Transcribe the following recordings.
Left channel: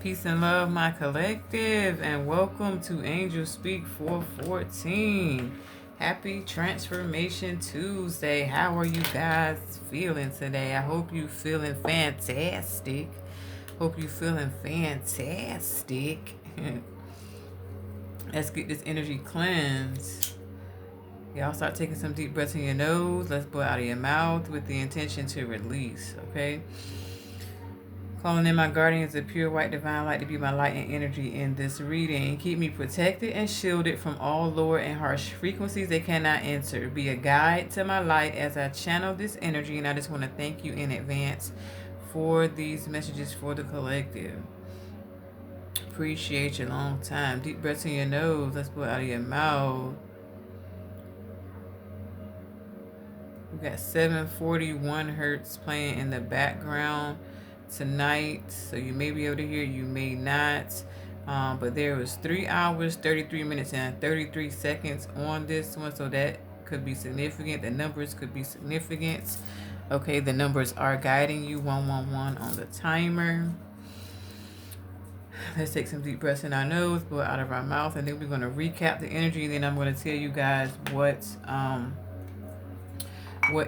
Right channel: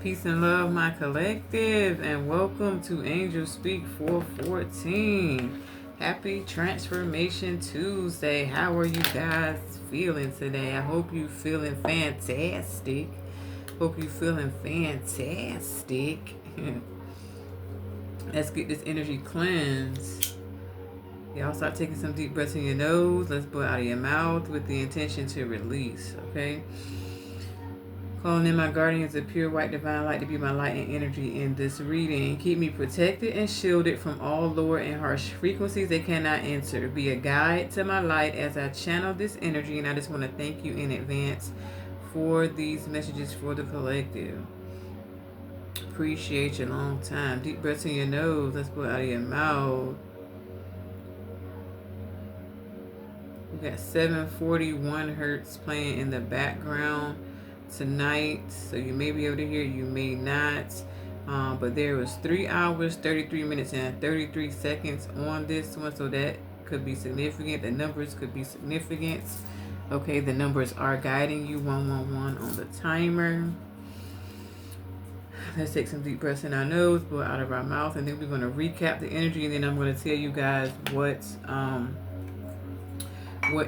Peace and love, my collective, and welcome to Angel Speak 414. Happy Transformation Tuesday. How are you guys feeling today? I hope you feeling fantastic. Hope you feeling fantastic. Let's get this energy cleansed. Y'all start taking some deep breaths in your nose. Let's blow out of your mouth with the intention to release, okay? Calling in my guardians of pure white divine light to be my light and energy in this reading. Keep me protected and shielded from all lower and harsh frequencies they cannot enter. Be a guide to my light as I channel this energy. And I just want to thank you in advance for these messages for the collective. Appreciate your long time. Deep breaths in your nose. Let's blow out of your mouth. We got 741 hertz playing in the background tonight, so you may be able to hear, you may not, but there was 3 hours 33 minutes and 33 seconds on this one, so that could be significant. The numbers could be significant. Okay, the numbers are guiding you. 111 on the timer. Let's take some deep breaths in our nose, blow out of our mouth, and then we're going to recap the energy, and then I'm going to tell you guys what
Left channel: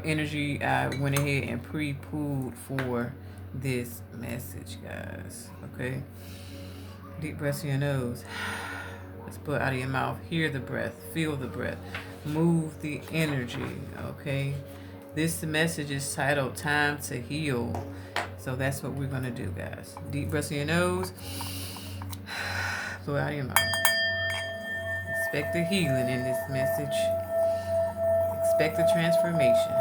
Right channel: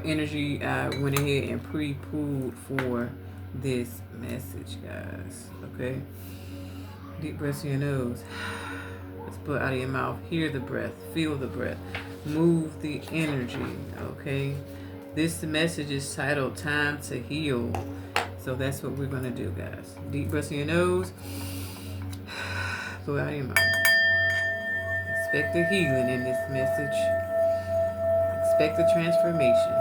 energy I went ahead and pre-pulled for this message, guys. Okay, deep breaths in your nose. Let's blow out of your mouth. Hear the breath, feel the breath, move the energy. Okay, this message is titled Time to Heal, so that's what we're going to do, guys. Deep breaths in your nose, blow out of your mouth. Expect the healing in this message. Expect the transformation.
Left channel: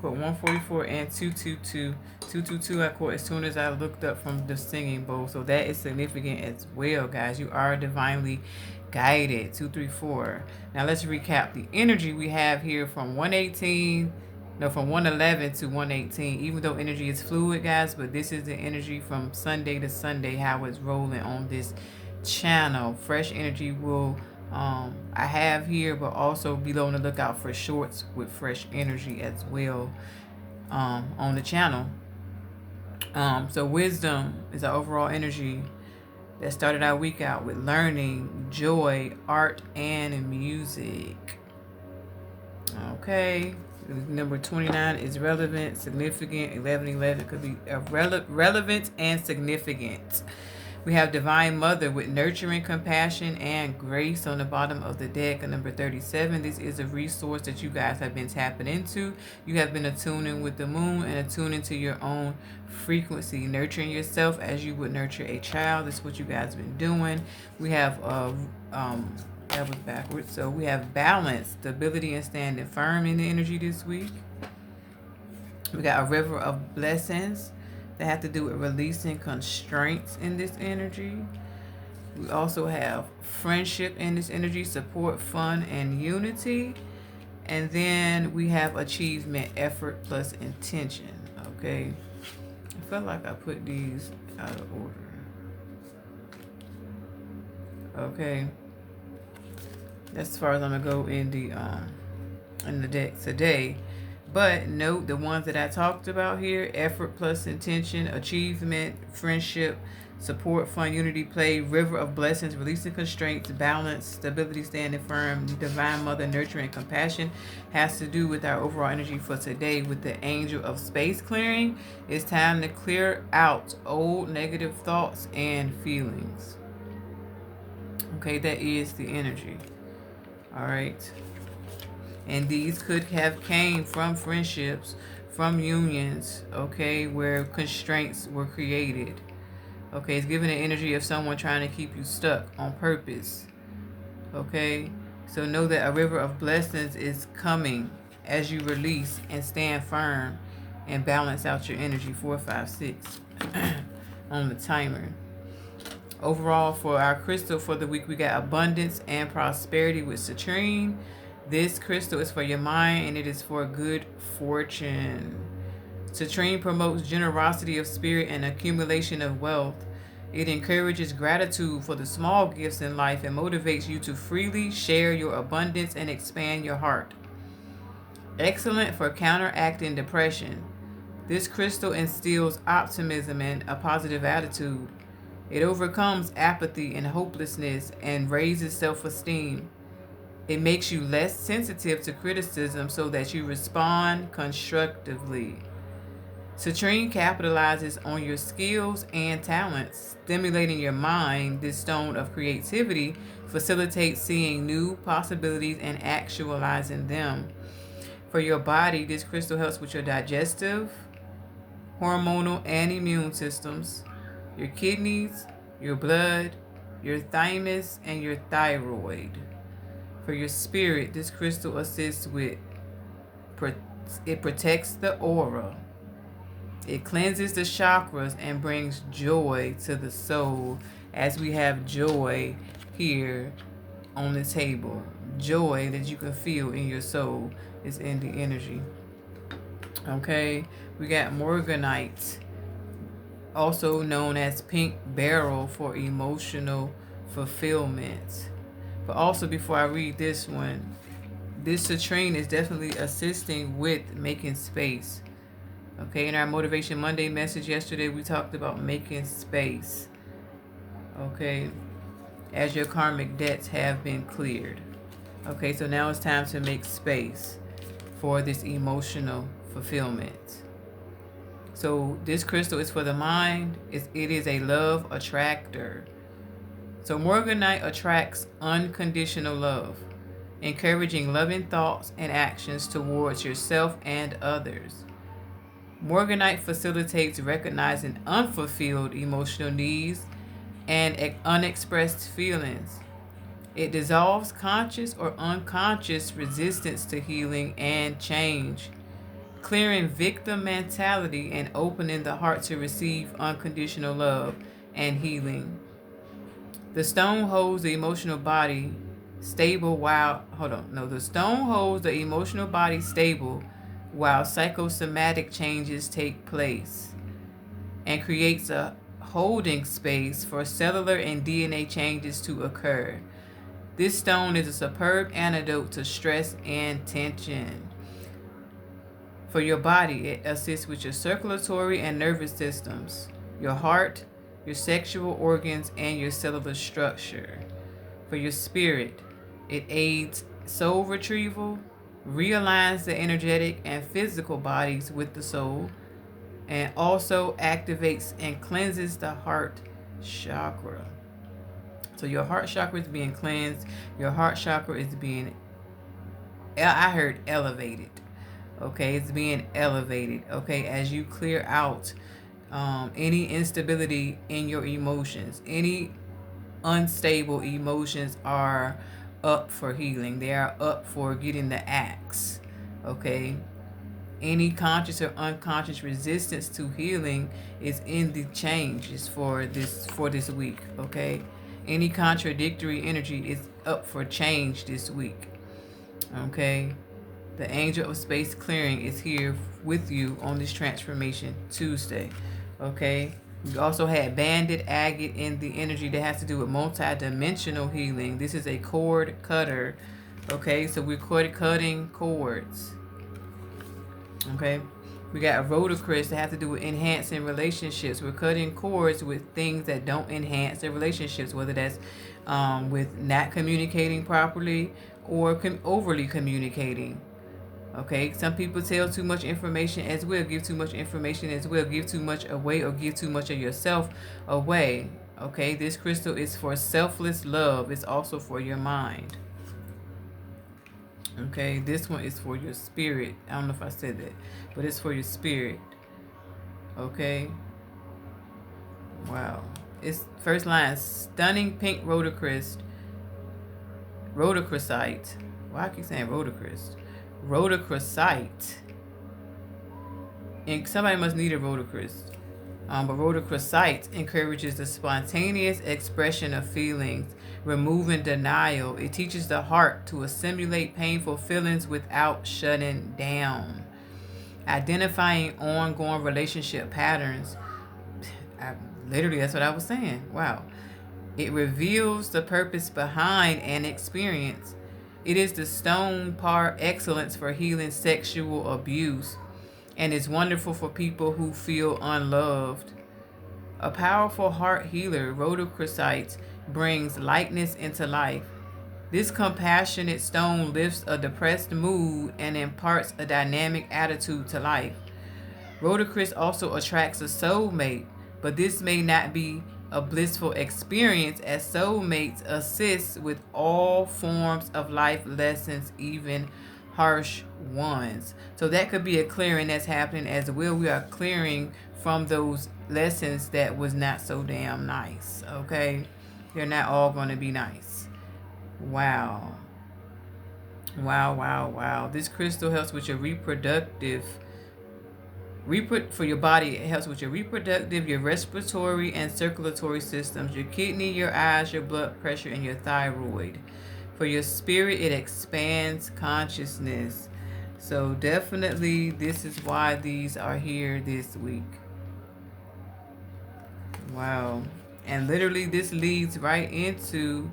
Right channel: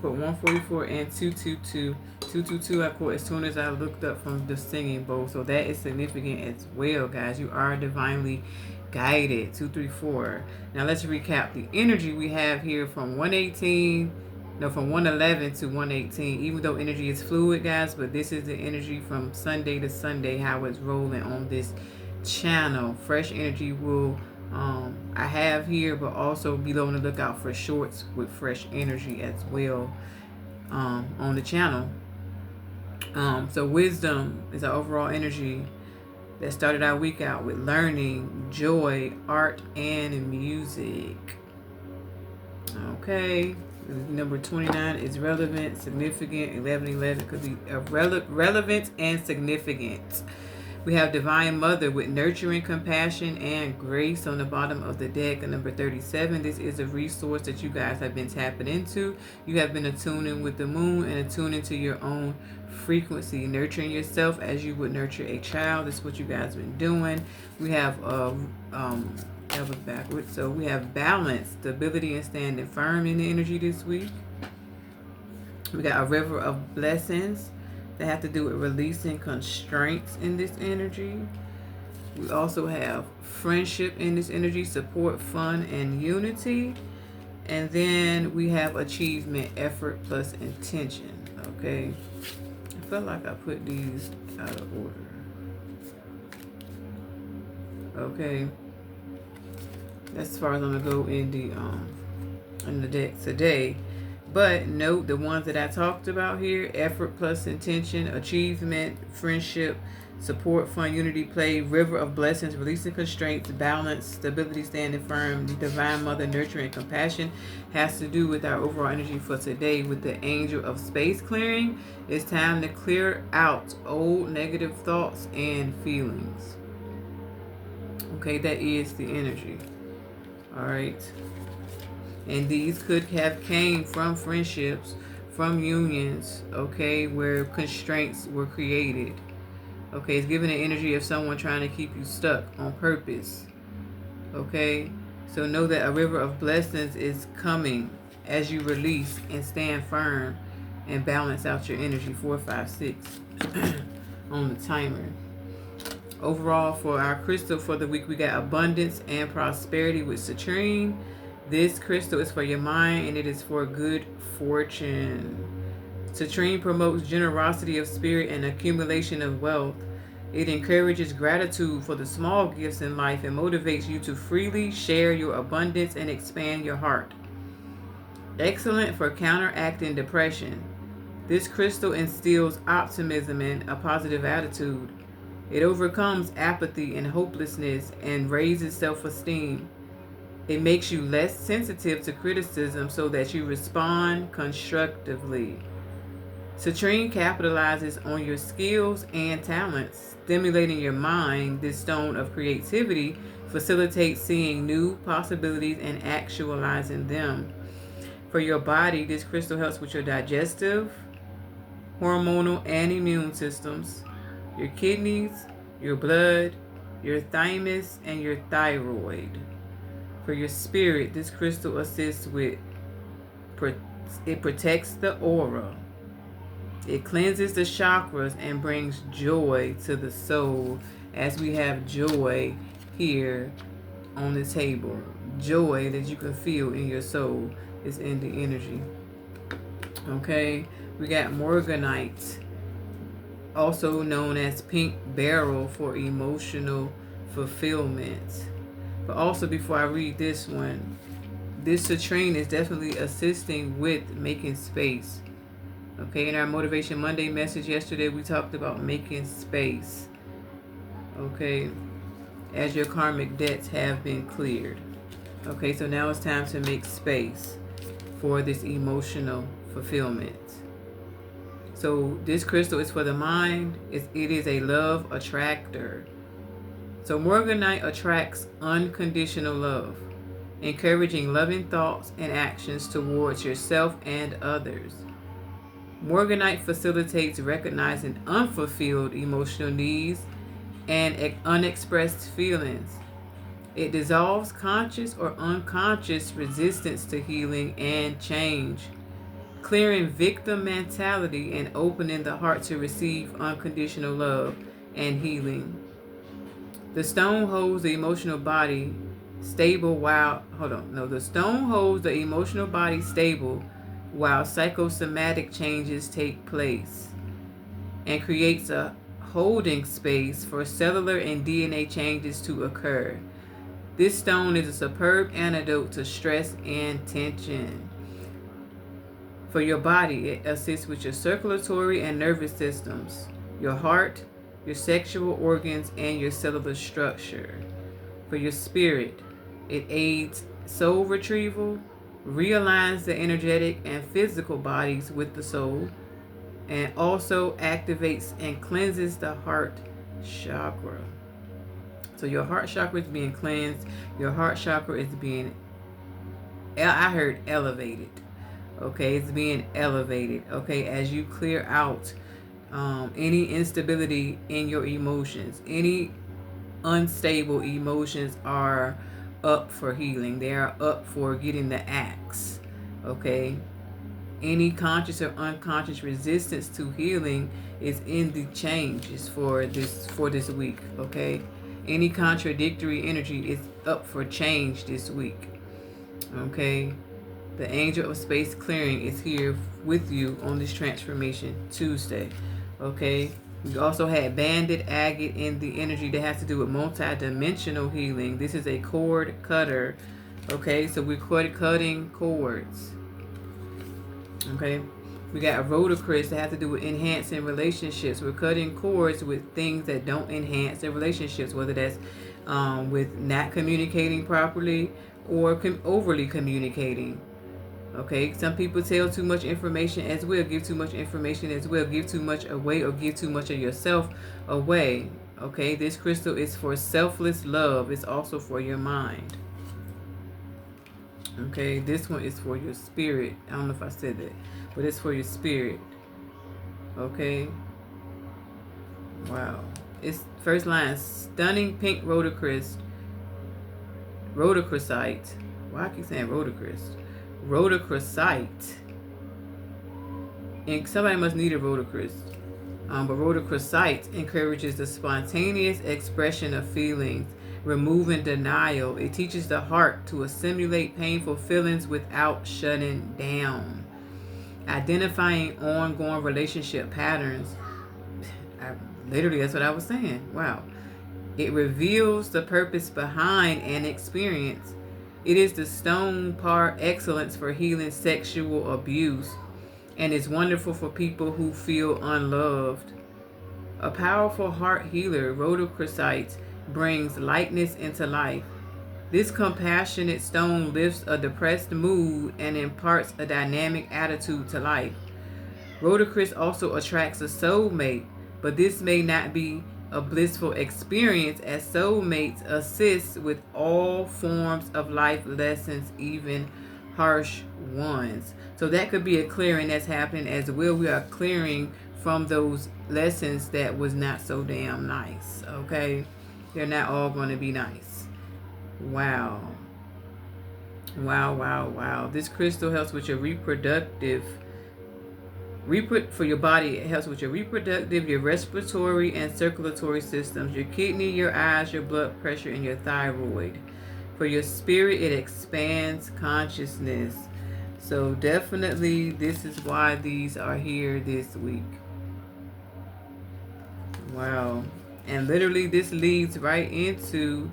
Quote 144 and 222. 222 I quote as soon as I looked up from the singing bowl. So that is significant as well, guys. You are divinely guided. 234. Now let's recap the energy we have here from 118. No, from 111 to 118. Even though energy is fluid, guys, but this is the energy from Sunday to Sunday, how it's rolling on this channel. Fresh energy will I have here, but also be on the lookout for shorts with fresh energy as well on the channel. So wisdom is our overall energy that started our week out with learning, joy, art, and music. Okay. Number 29 is relevant, significant. 1111 could be relevant and significant. We have Divine Mother with nurturing, compassion, and grace on the bottom of the deck. Number 37, this is a resource that you guys have been tapping into. You have been attuning with the moon and attuning to your own frequency, nurturing yourself as you would nurture a child. This is what you guys have been doing. We have that was backwards. So we have balance, stability, and standing firm in the energy this week. We got a river of blessings that have to do with releasing constraints in this energy. We also have friendship in this energy, support, fun, and unity. And then we have achievement, effort, plus intention. Okay. I feel like I put these out of order. Okay. As far as I'm gonna go in the deck today. But note the ones that I talked about here: effort plus intention, achievement, friendship, support, fun, unity, play, river of blessings, releasing constraints, balance, stability, standing firm, divine mother, nurturing, compassion has to do with our overall energy for today with the angel of space clearing. It's time to clear out old negative thoughts and feelings. Okay, that is the energy. All right. And these could have came from friendships, from unions, okay, where constraints were created. Okay, it's giving the energy of someone trying to keep you stuck on purpose. Okay, so know that a river of blessings is coming as you release and stand firm and balance out your energy. 4, 5, 6 on the timer. Overall, for our crystal for the week, we got abundance and prosperity with citrine. This crystal is for your mind and it is for good fortune. Citrine promotes generosity of spirit and accumulation of wealth. It encourages gratitude for the small gifts in life and motivates you to freely share your abundance and expand your heart. Excellent for counteracting depression. This crystal instills optimism and a positive attitude. It overcomes apathy and hopelessness and raises self esteem. It makes you less sensitive to criticism so that you respond constructively. Citrine capitalizes on your skills and talents, stimulating your mind. This stone of creativity facilitates seeing new possibilities and actualizing them. For your body, this crystal helps with your digestive, hormonal, and immune systems, your kidneys, your blood, your thymus, and your thyroid. For your spirit, this crystal assists with it protects the aura. It cleanses the chakras and brings joy to the soul, as we have joy here on the table. Joy that you can feel in your soul is in the energy. Okay, we got morganite, also known as pink beryl, for emotional fulfillment. But also, before I read this one, this citrine is definitely assisting with making space. Okay, in our Motivation Monday message yesterday, we talked about making space. Okay, as your karmic debts have been cleared. Okay, so now it's time to make space for this emotional fulfillment. So this crystal is for the mind. It is a love attractor. So morganite attracts unconditional love, encouraging loving thoughts and actions towards yourself and others. Morganite facilitates recognizing unfulfilled emotional needs and unexpressed feelings. It dissolves conscious or unconscious resistance to healing and change, clearing victim mentality and opening the heart to receive unconditional love and healing. The stone holds the emotional body stable the stone holds the emotional body stable while psychosomatic changes take place and creates a holding space for cellular and DNA changes to occur. This stone is a superb antidote to stress and tension. For your body, it assists with your circulatory and nervous systems, your heart, your sexual organs, and your cellular structure. For your spirit, it aids soul retrieval, realigns the energetic and physical bodies with the soul, and also activates and cleanses the heart chakra. So your heart chakra is being cleansed. Your heart chakra is being, I heard elevated. Okay, it's being elevated. Okay, as you clear out any instability in your emotions, any unstable emotions are up for healing. They are up for getting the axe. Okay, any conscious or unconscious resistance to healing is in the changes for this week. Okay, any contradictory energy is up for change this week. Okay, the angel of space clearing is here with you on this transformation Tuesday. Okay, we also had banded agate in the energy that has to do with multi-dimensional healing. This is a cord cutter. Okay, so we're cutting cords. Okay, we got rhodocris that has to do with enhancing relationships. We're cutting cords with things that don't enhance their relationships, whether that's with not communicating properly or overly communicating. Okay, some people tell too much information as well, give too much information as well, give too much away or give too much of yourself away. Okay, this crystal is for selfless love. It's also for your mind. Okay, this one is for your spirit. I don't know if I said that, but it's for your spirit. Okay. Wow. It's first line, stunning pink rhodocrisite. Why I keep saying rhodocris? Rhodocrisite. And somebody must need a rhodocris. But rhodochrosite encourages the spontaneous expression of feelings, removing denial. It teaches the heart to assimilate painful feelings without shutting down. Identifying ongoing relationship patterns. Literally, that's what I was saying. Wow. It reveals the purpose behind an experience. It is the stone par excellence for healing sexual abuse and is wonderful for people who feel unloved. A powerful heart healer, rhodochrosite brings lightness into life. This compassionate stone lifts a depressed mood and imparts a dynamic attitude to life. Rhodochrosite also attracts a soulmate, but this may not be a blissful experience as soulmates assist with all forms of life lessons, even harsh ones. So that could be a clearing that's happening as well. We are clearing from those lessons that was not so damn nice. Okay, they're not all going to be nice. Wow. Wow, wow, wow. This crystal helps with your reproductive for your body. It helps with your reproductive, your respiratory, and circulatory systems, your kidney, your eyes, your blood pressure, and your thyroid. For your spirit, it expands consciousness. So definitely, this is why these are here this week. Wow. And literally, this leads right into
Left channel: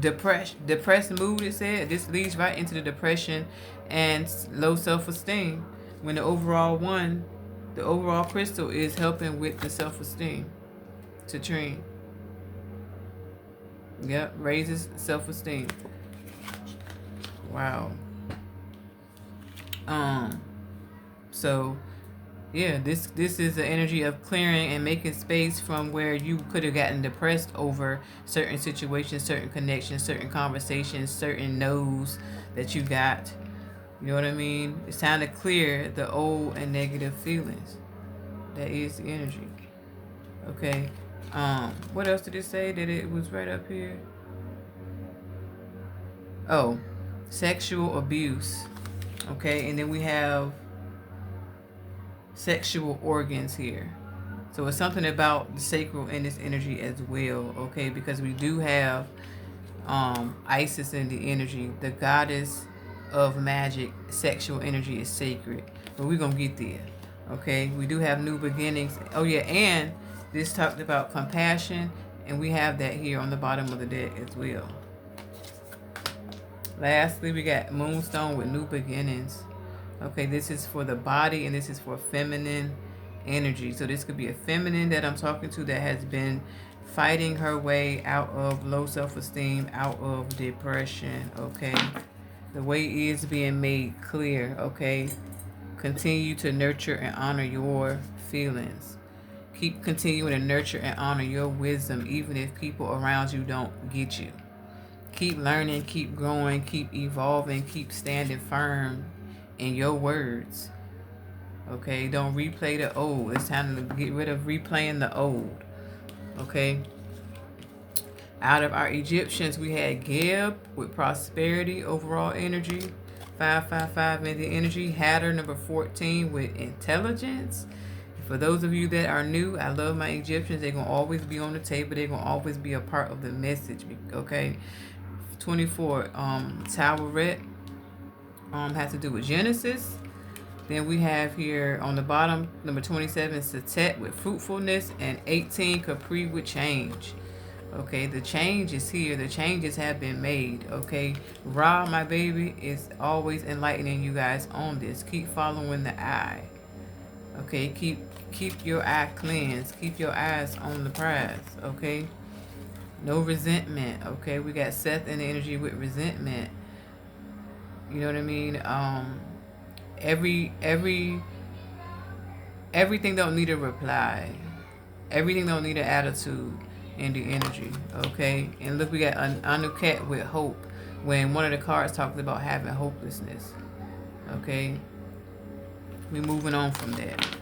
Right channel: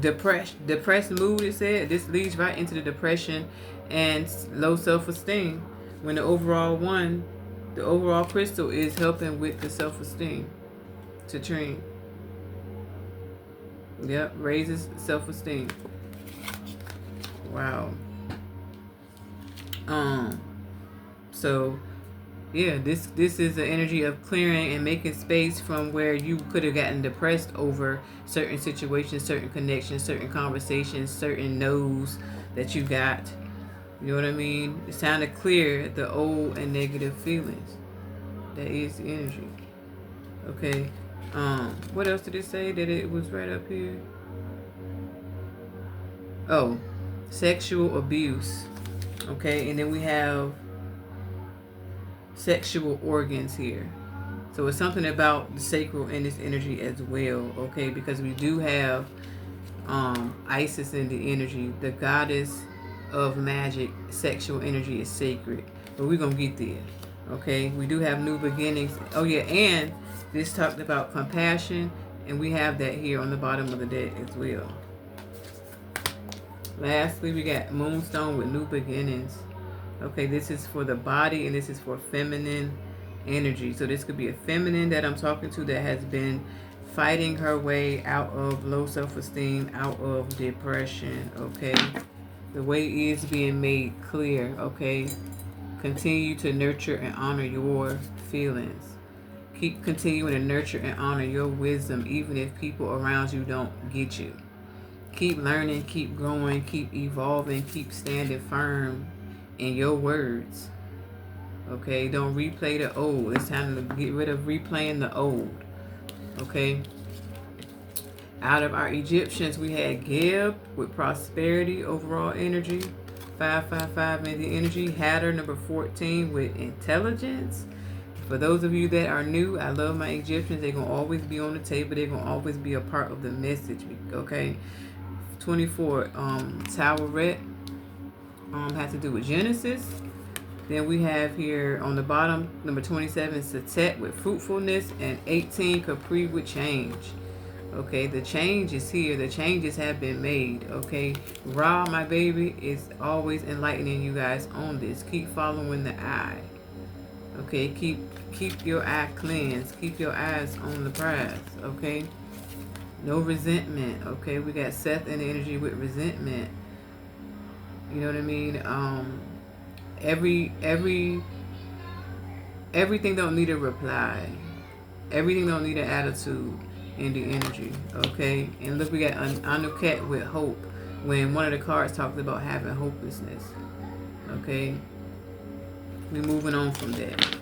depressed mood. It said this leads right into the depression and low self-esteem, when the overall crystal is helping with the self-esteem to train. Yep, raises self-esteem. Wow. So yeah, this is the energy of clearing and making space from where you could have gotten depressed over certain situations, certain connections, certain conversations, certain no's that you got. You know what I mean? It's time to clear the old and negative feelings. That is the energy. Okay. What else did it say that it was right up here? Oh, sexual abuse. Okay, and then we have sexual organs here. So it's something about the sacral in this energy as well, okay? Because we do have Isis in the energy, the goddess of magic. Sexual energy is sacred, but we're gonna get there, okay? We do have new beginnings. Oh yeah, and this talked about compassion, and we have that here on the bottom of the deck as well. Lastly, we got Moonstone with new beginnings. Okay, this is for the body, and this is for feminine energy. So this could be a feminine that I'm talking to that has been fighting her way out of low self-esteem, out of depression, okay? The way is being made clear, okay? Continue to nurture and honor your feelings. Keep continuing to nurture and honor your wisdom, even if people around you don't get you. Keep learning, keep growing, keep evolving, keep standing firm in your words. Okay, don't replay the old. It's time to get rid of replaying the old. Okay. Out of our Egyptians, we had Geb with prosperity, overall energy. 555 in the energy. Hatter number 14 with intelligence. For those of you that are new, I love my Egyptians. They're going to always be on the table. They're going to always be a part of the message. Okay. 24, Toweret. Has to do with Genesis. Then we have here on the bottom, number 27, Satet with fruitfulness, and 18, Capri with change. Okay, the change is here. The changes have been made. Okay, Ra, my baby, is always enlightening you guys on this. Keep following the eye. Okay, keep your eye cleansed. Keep your eyes on the prize. Okay, no resentment. Okay, we got Seth in the energy with resentment. You know what I mean? Everything don't need a reply. Everything don't need an attitude in the energy. Okay? And look, we got Anuket with hope, when one of the cards talks about having hopelessness. Okay? We're moving on from that.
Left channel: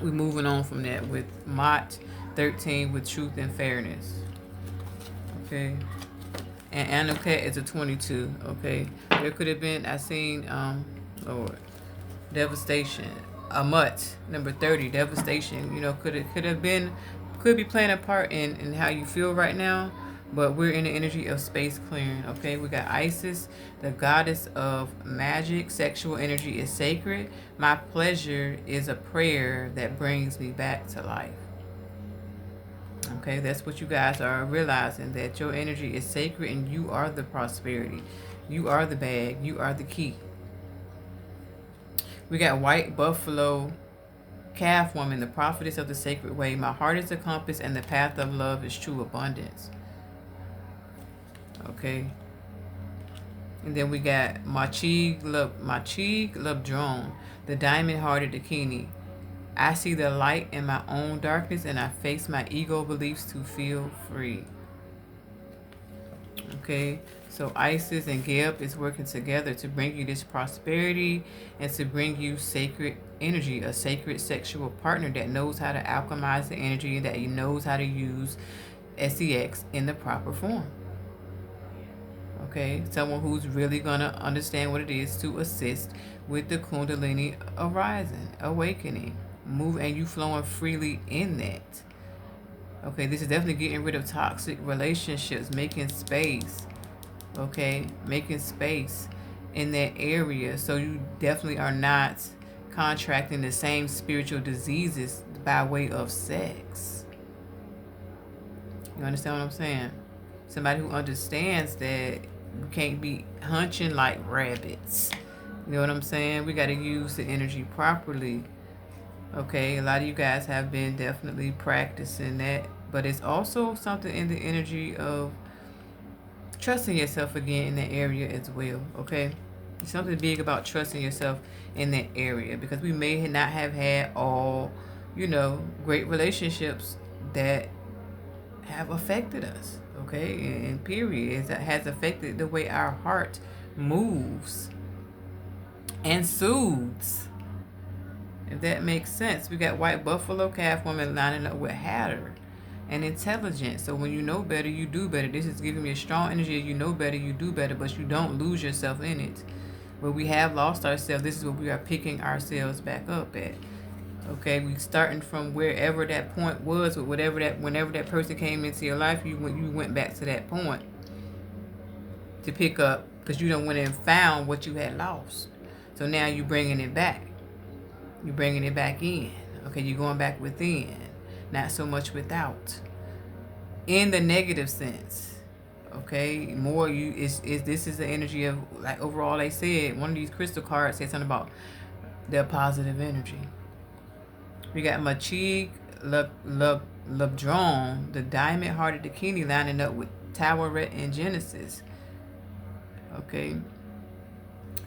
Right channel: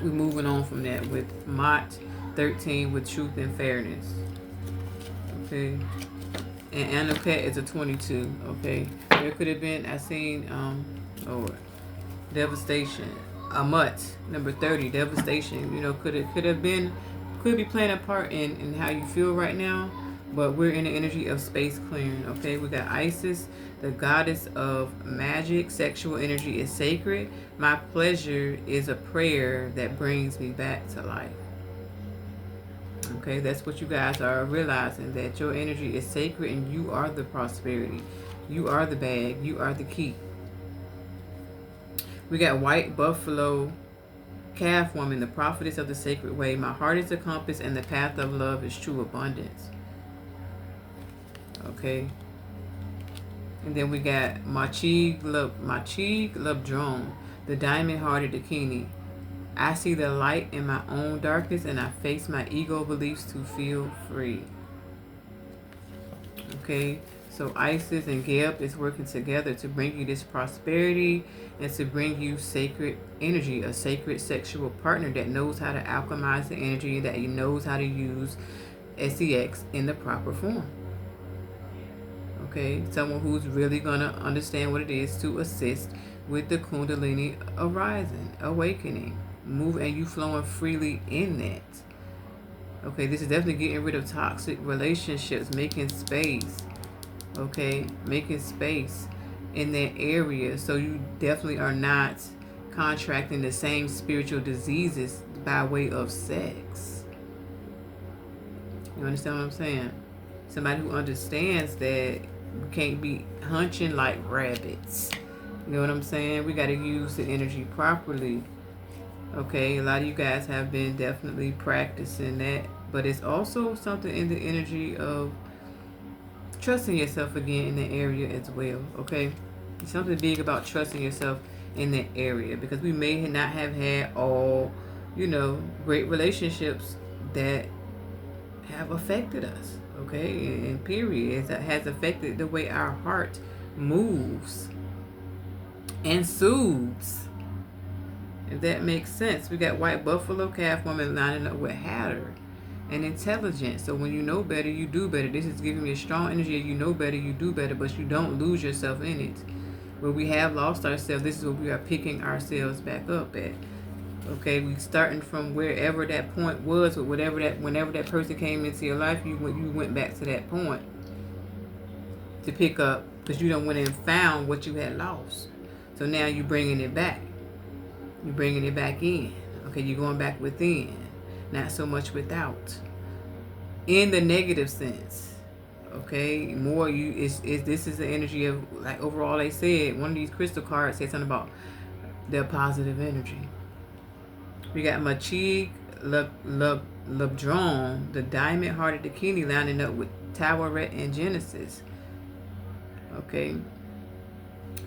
We're moving on from that with Mott 13 with truth and fairness. Okay? And Anuket is a 22. Okay? There could have been, I seen, Lord. devastation. A mutt, number 30, devastation. You know, could be playing a part in how you feel right now, but we're in the energy of space clearing. Okay, we got Isis, the goddess of magic. Sexual energy is sacred. My pleasure is a prayer that brings me back to life. Okay, that's what you guys are realizing, that your energy is sacred and you are the prosperity. You are the bag. You are the key. We got white buffalo calf woman, the prophetess of the sacred way. My heart is the compass and the path of love is true abundance. Okay. And then we got Machig Labdrone, the diamond hearted Dakini. I see the light in my own darkness and I face my ego beliefs to feel free. Okay, so Isis and Geb is working together to bring you this prosperity and to bring you sacred energy, a sacred sexual partner that knows how to alchemize the energy, that he knows how to use SEX in the proper form. Okay, someone who's really gonna understand what it is to assist with the Kundalini arising, awakening, move, and you flowing freely in that. Okay, this is definitely getting rid of toxic relationships, making space. Okay, making space in that area so you definitely are not contracting the same spiritual diseases by way of sex. You understand what I'm saying? Somebody who understands that you can't be hunching like rabbits. You know what I'm saying? We got to use the energy properly. Okay, a lot of you guys have been definitely practicing that, but it's also something in the energy of trusting yourself again in that area as well. Okay, there's something big about trusting yourself in that area, because we may not have had all, great relationships that have affected us. Okay, and period, it has affected the way our heart moves and soothes, if that makes sense. We got white buffalo calf woman lining up with Hatter and intelligence. So when you know better, you do better. This is giving me a strong energy. You know better, you do better, but you don't lose yourself in it. When we have lost ourselves, this is what we are picking ourselves back up at. Okay, we starting from wherever that point was, or whenever that person came into your life, you went back to that point to pick up, because you don't went and found what you had lost. So now you're bringing it back. You're bringing it back in. Okay, you're going back within, not so much without. In the negative sense. Okay, more you is this is the energy of, like, overall they said, one of these crystal cards said something about their positive energy. We got Machig Labdrone, the diamond hearted Dakini, lining up with Taweret and Genesis. Okay,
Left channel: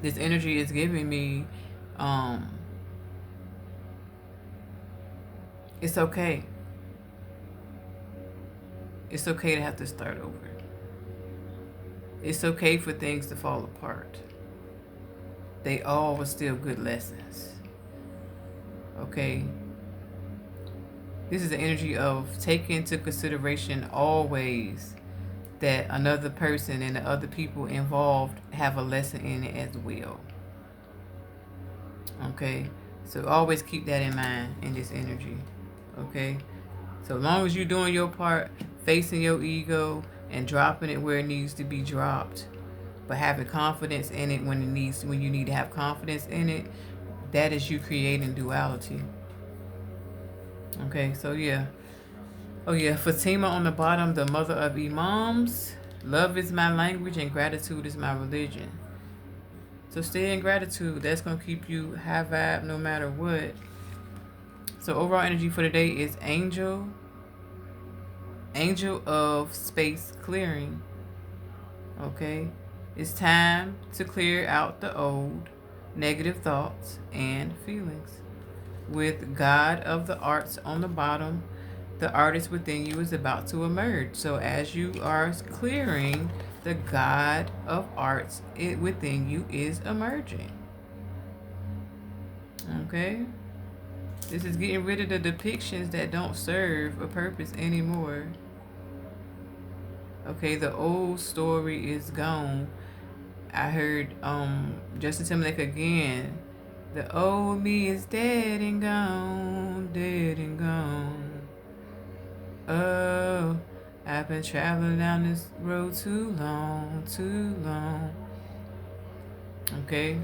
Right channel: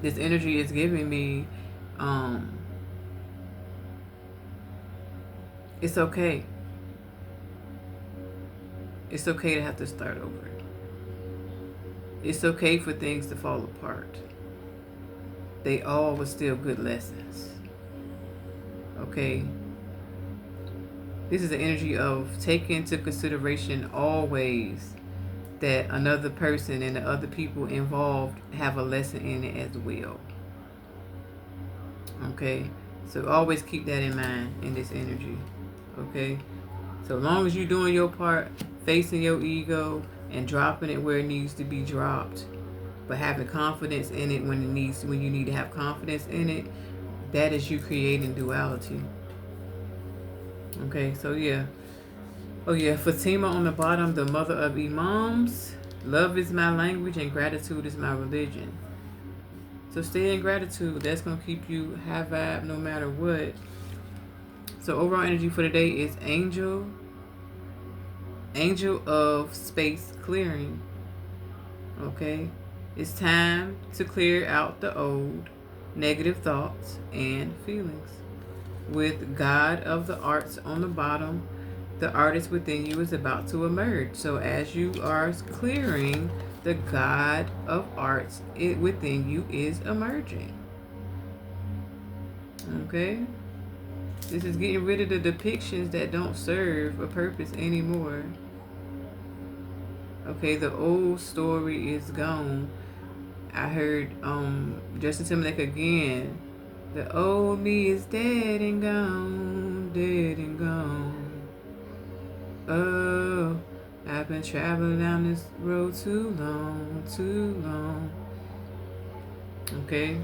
this energy is giving me it's okay. It's okay to have to start over. It's okay for things to fall apart. They all were still good lessons. Okay? This is the energy of taking into consideration always that another person and the other people involved have a lesson in it as well. Okay? So always keep that in mind in this energy. Okay? So long as you're doing your part, facing your ego and dropping it where it needs to be dropped, but having confidence in it when you need to have confidence in it, that is you creating duality. Okay, so yeah. Oh yeah, Fatima on the bottom, the mother of Imams. Love is my language and gratitude is my religion. So stay in gratitude. That's going to keep you high vibe no matter what. So overall energy for today is Angel of Space Clearing. Okay? It's time to clear out the old negative thoughts and feelings. With God of the Arts on the bottom, the artist within you is about to emerge. So as you are clearing, the God of Arts within you is emerging. Okay? This is getting rid of the depictions that don't serve a purpose anymore. Okay, the old story is gone. I heard Justin Timberlake again The old me is dead and gone, dead and gone. Oh, I've been traveling down this road too long, too long. Okay.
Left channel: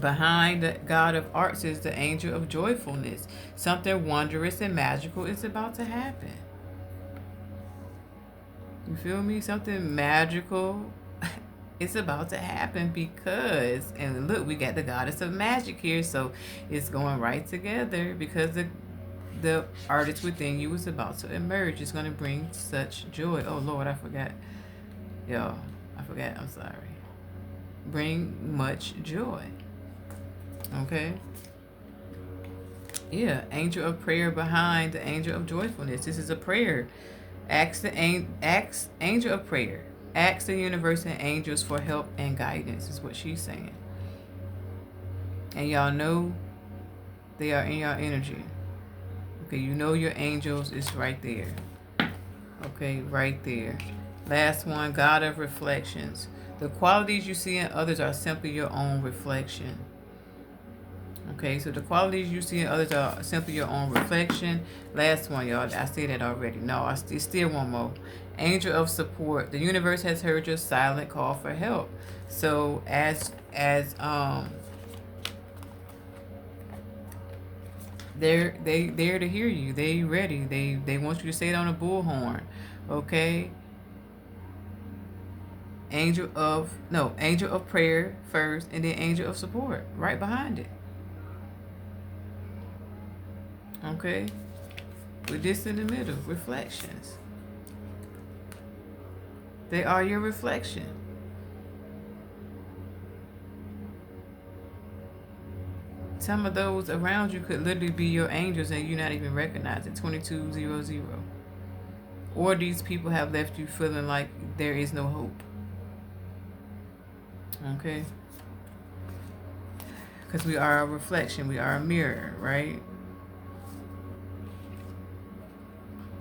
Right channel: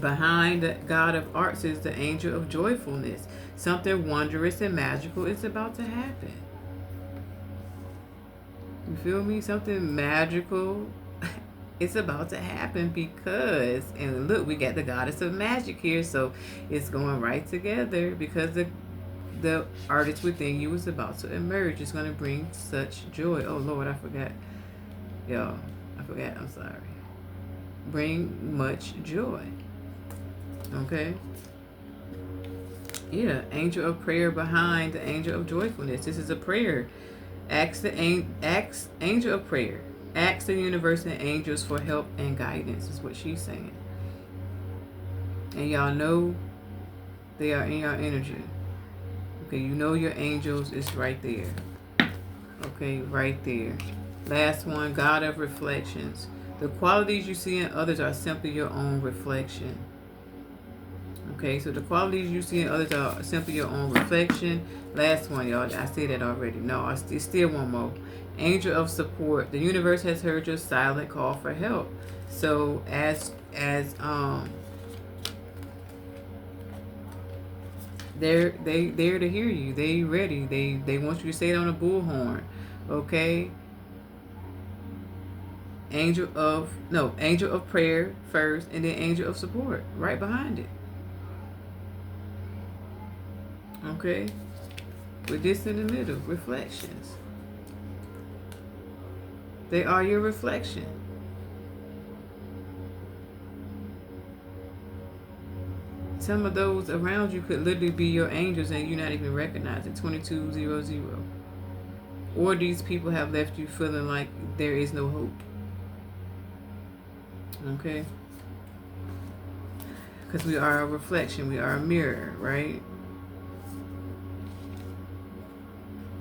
Behind the God of Arts is the angel of joyfulness. Something wondrous and magical is about to happen. You feel me? Something magical it's about to happen because, and look, we got the goddess of magic here, so it's going right together because the artist within you is about to emerge. It's going to bring such joy. Oh Lord, I forgot, y'all. I forgot. I'm sorry. Bring much joy. Okay. Yeah, angel of prayer behind the angel of joyfulness. This is a prayer. Ask angel of prayer. Ask the universe and angels for help and guidance. Is what she's saying. And y'all know they are in your energy. Okay, you know your angels is right there. Okay, right there. Last one, God of reflections. The qualities you see in others are simply your own reflection. Okay, so the qualities you see in others are simply your own reflection. Last one, y'all. I said it already. No, it's still one more. Angel of support. The universe has heard your silent call for help. So as they're there to hear you. They ready. They want you to say it on a bullhorn. Okay. Angel of prayer first, and then angel of support right behind it. Okay. With this in the middle, reflections. They are your reflection. Some of those around you could literally be your angels and you not even recognize it. 2200. Or these people have left you feeling like there is no hope. Okay? Because we are a reflection, we are a mirror, right?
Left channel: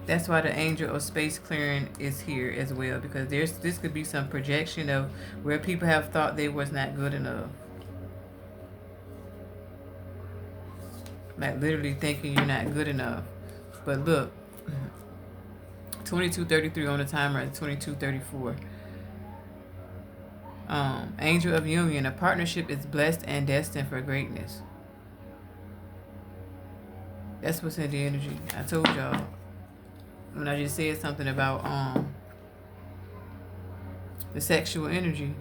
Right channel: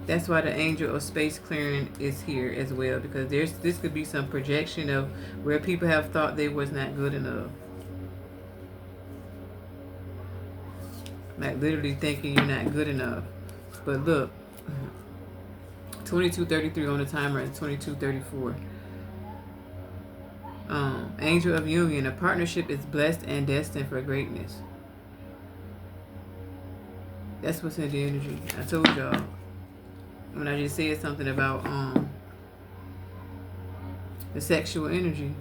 That's why the angel of space clearing is here as well, because this could be some projection of where people have thought they was not good enough. Like literally thinking you're not good enough. But look, 2233 on the timer and 2234. Angel of union. A partnership is blessed and destined for greatness. That's what's in the energy. I told y'all when I just said something about the sexual energy.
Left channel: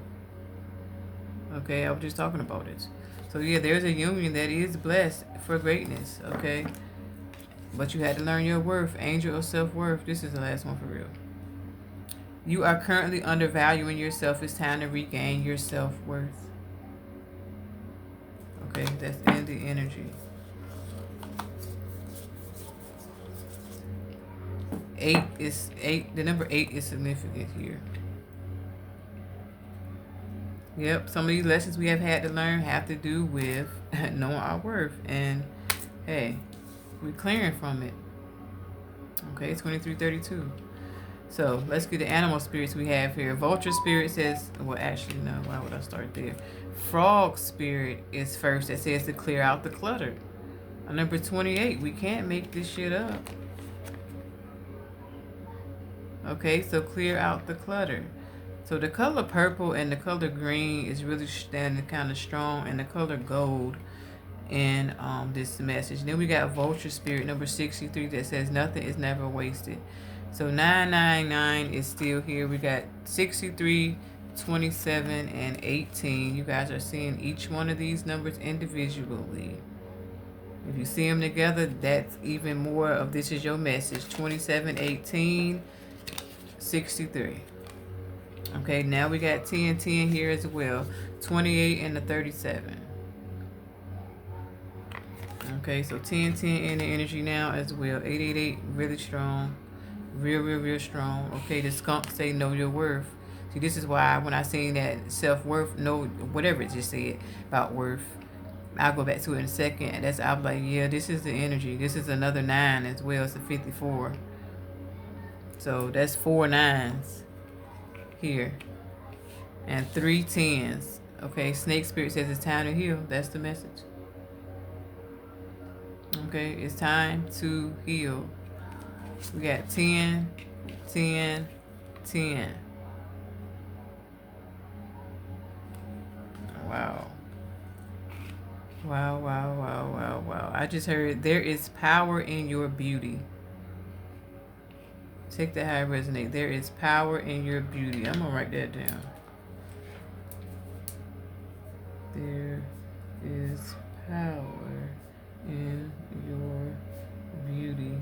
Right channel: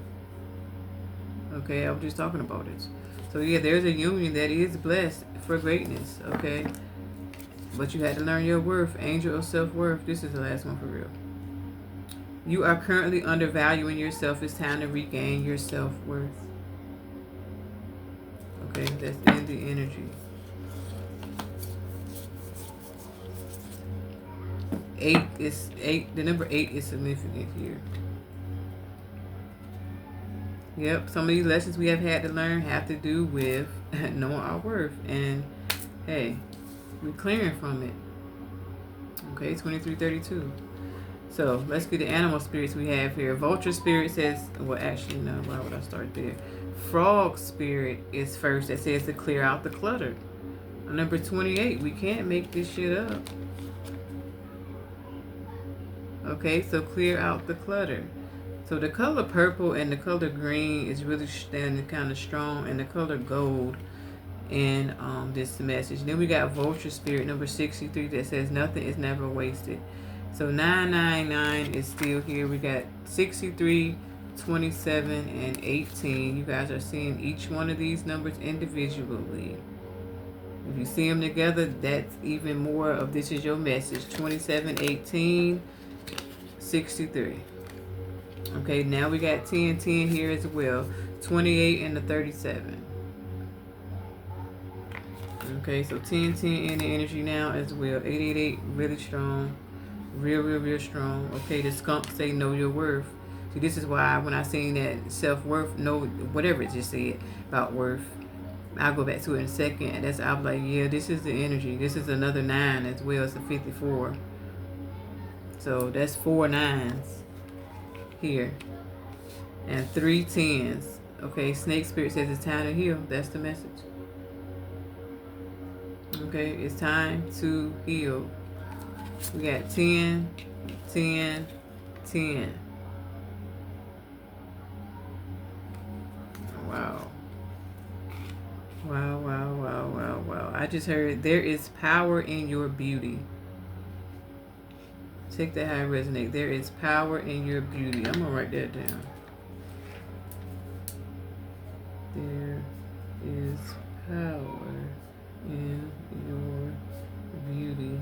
Okay, I was just talking about it. So yeah, there's a union that is blessed for greatness. Okay, but you had to learn your worth. Angel of self-worth. This is the last one for real. You are currently undervaluing yourself. It's time to regain your self-worth. Okay, that's in the energy. 8. The number 8 is significant here. Yep, some of these lessons we have had to learn have to do with knowing our worth. And hey, we're clearing from it. Okay, 2332. So let's get the animal spirits we have here. Vulture spirit says, well, actually, no, why would I start there? Frog spirit is first. That says to clear out the clutter. Number 28, we can't make this shit up. Okay, so clear out the clutter. So the color purple and the color green is really standing kind of strong, and the color gold in this message. Then we got vulture spirit number 63 that says nothing is never wasted. So 999 is still here. We got 63, 27, and 18. You guys are seeing each one of these numbers individually. If you see them together, that's even more of this is your message. 27, 18, 63. Okay, now we got 10, 10 here as well. 28 and the 37. Okay, so 10, 10 in the energy now as well. 888, really strong. Real strong. Okay, the skunk say know your worth. See, this is why when I seen that self-worth, know whatever it just said about worth, I'll go back to it in a second. That's I'm like, yeah, this is the energy. This is another 9 as well. It's a 54. So that's 4 9s here. And 3 10s. Okay, snake spirit says it's time to heal. That's the message. Okay, it's time to heal. We got 10, 10, 10. Wow. Wow, wow, wow, wow, wow. I just heard there is power in your beauty. Take that how it resonates. There is power in your beauty. I'm going to write that down. There is power in your beauty.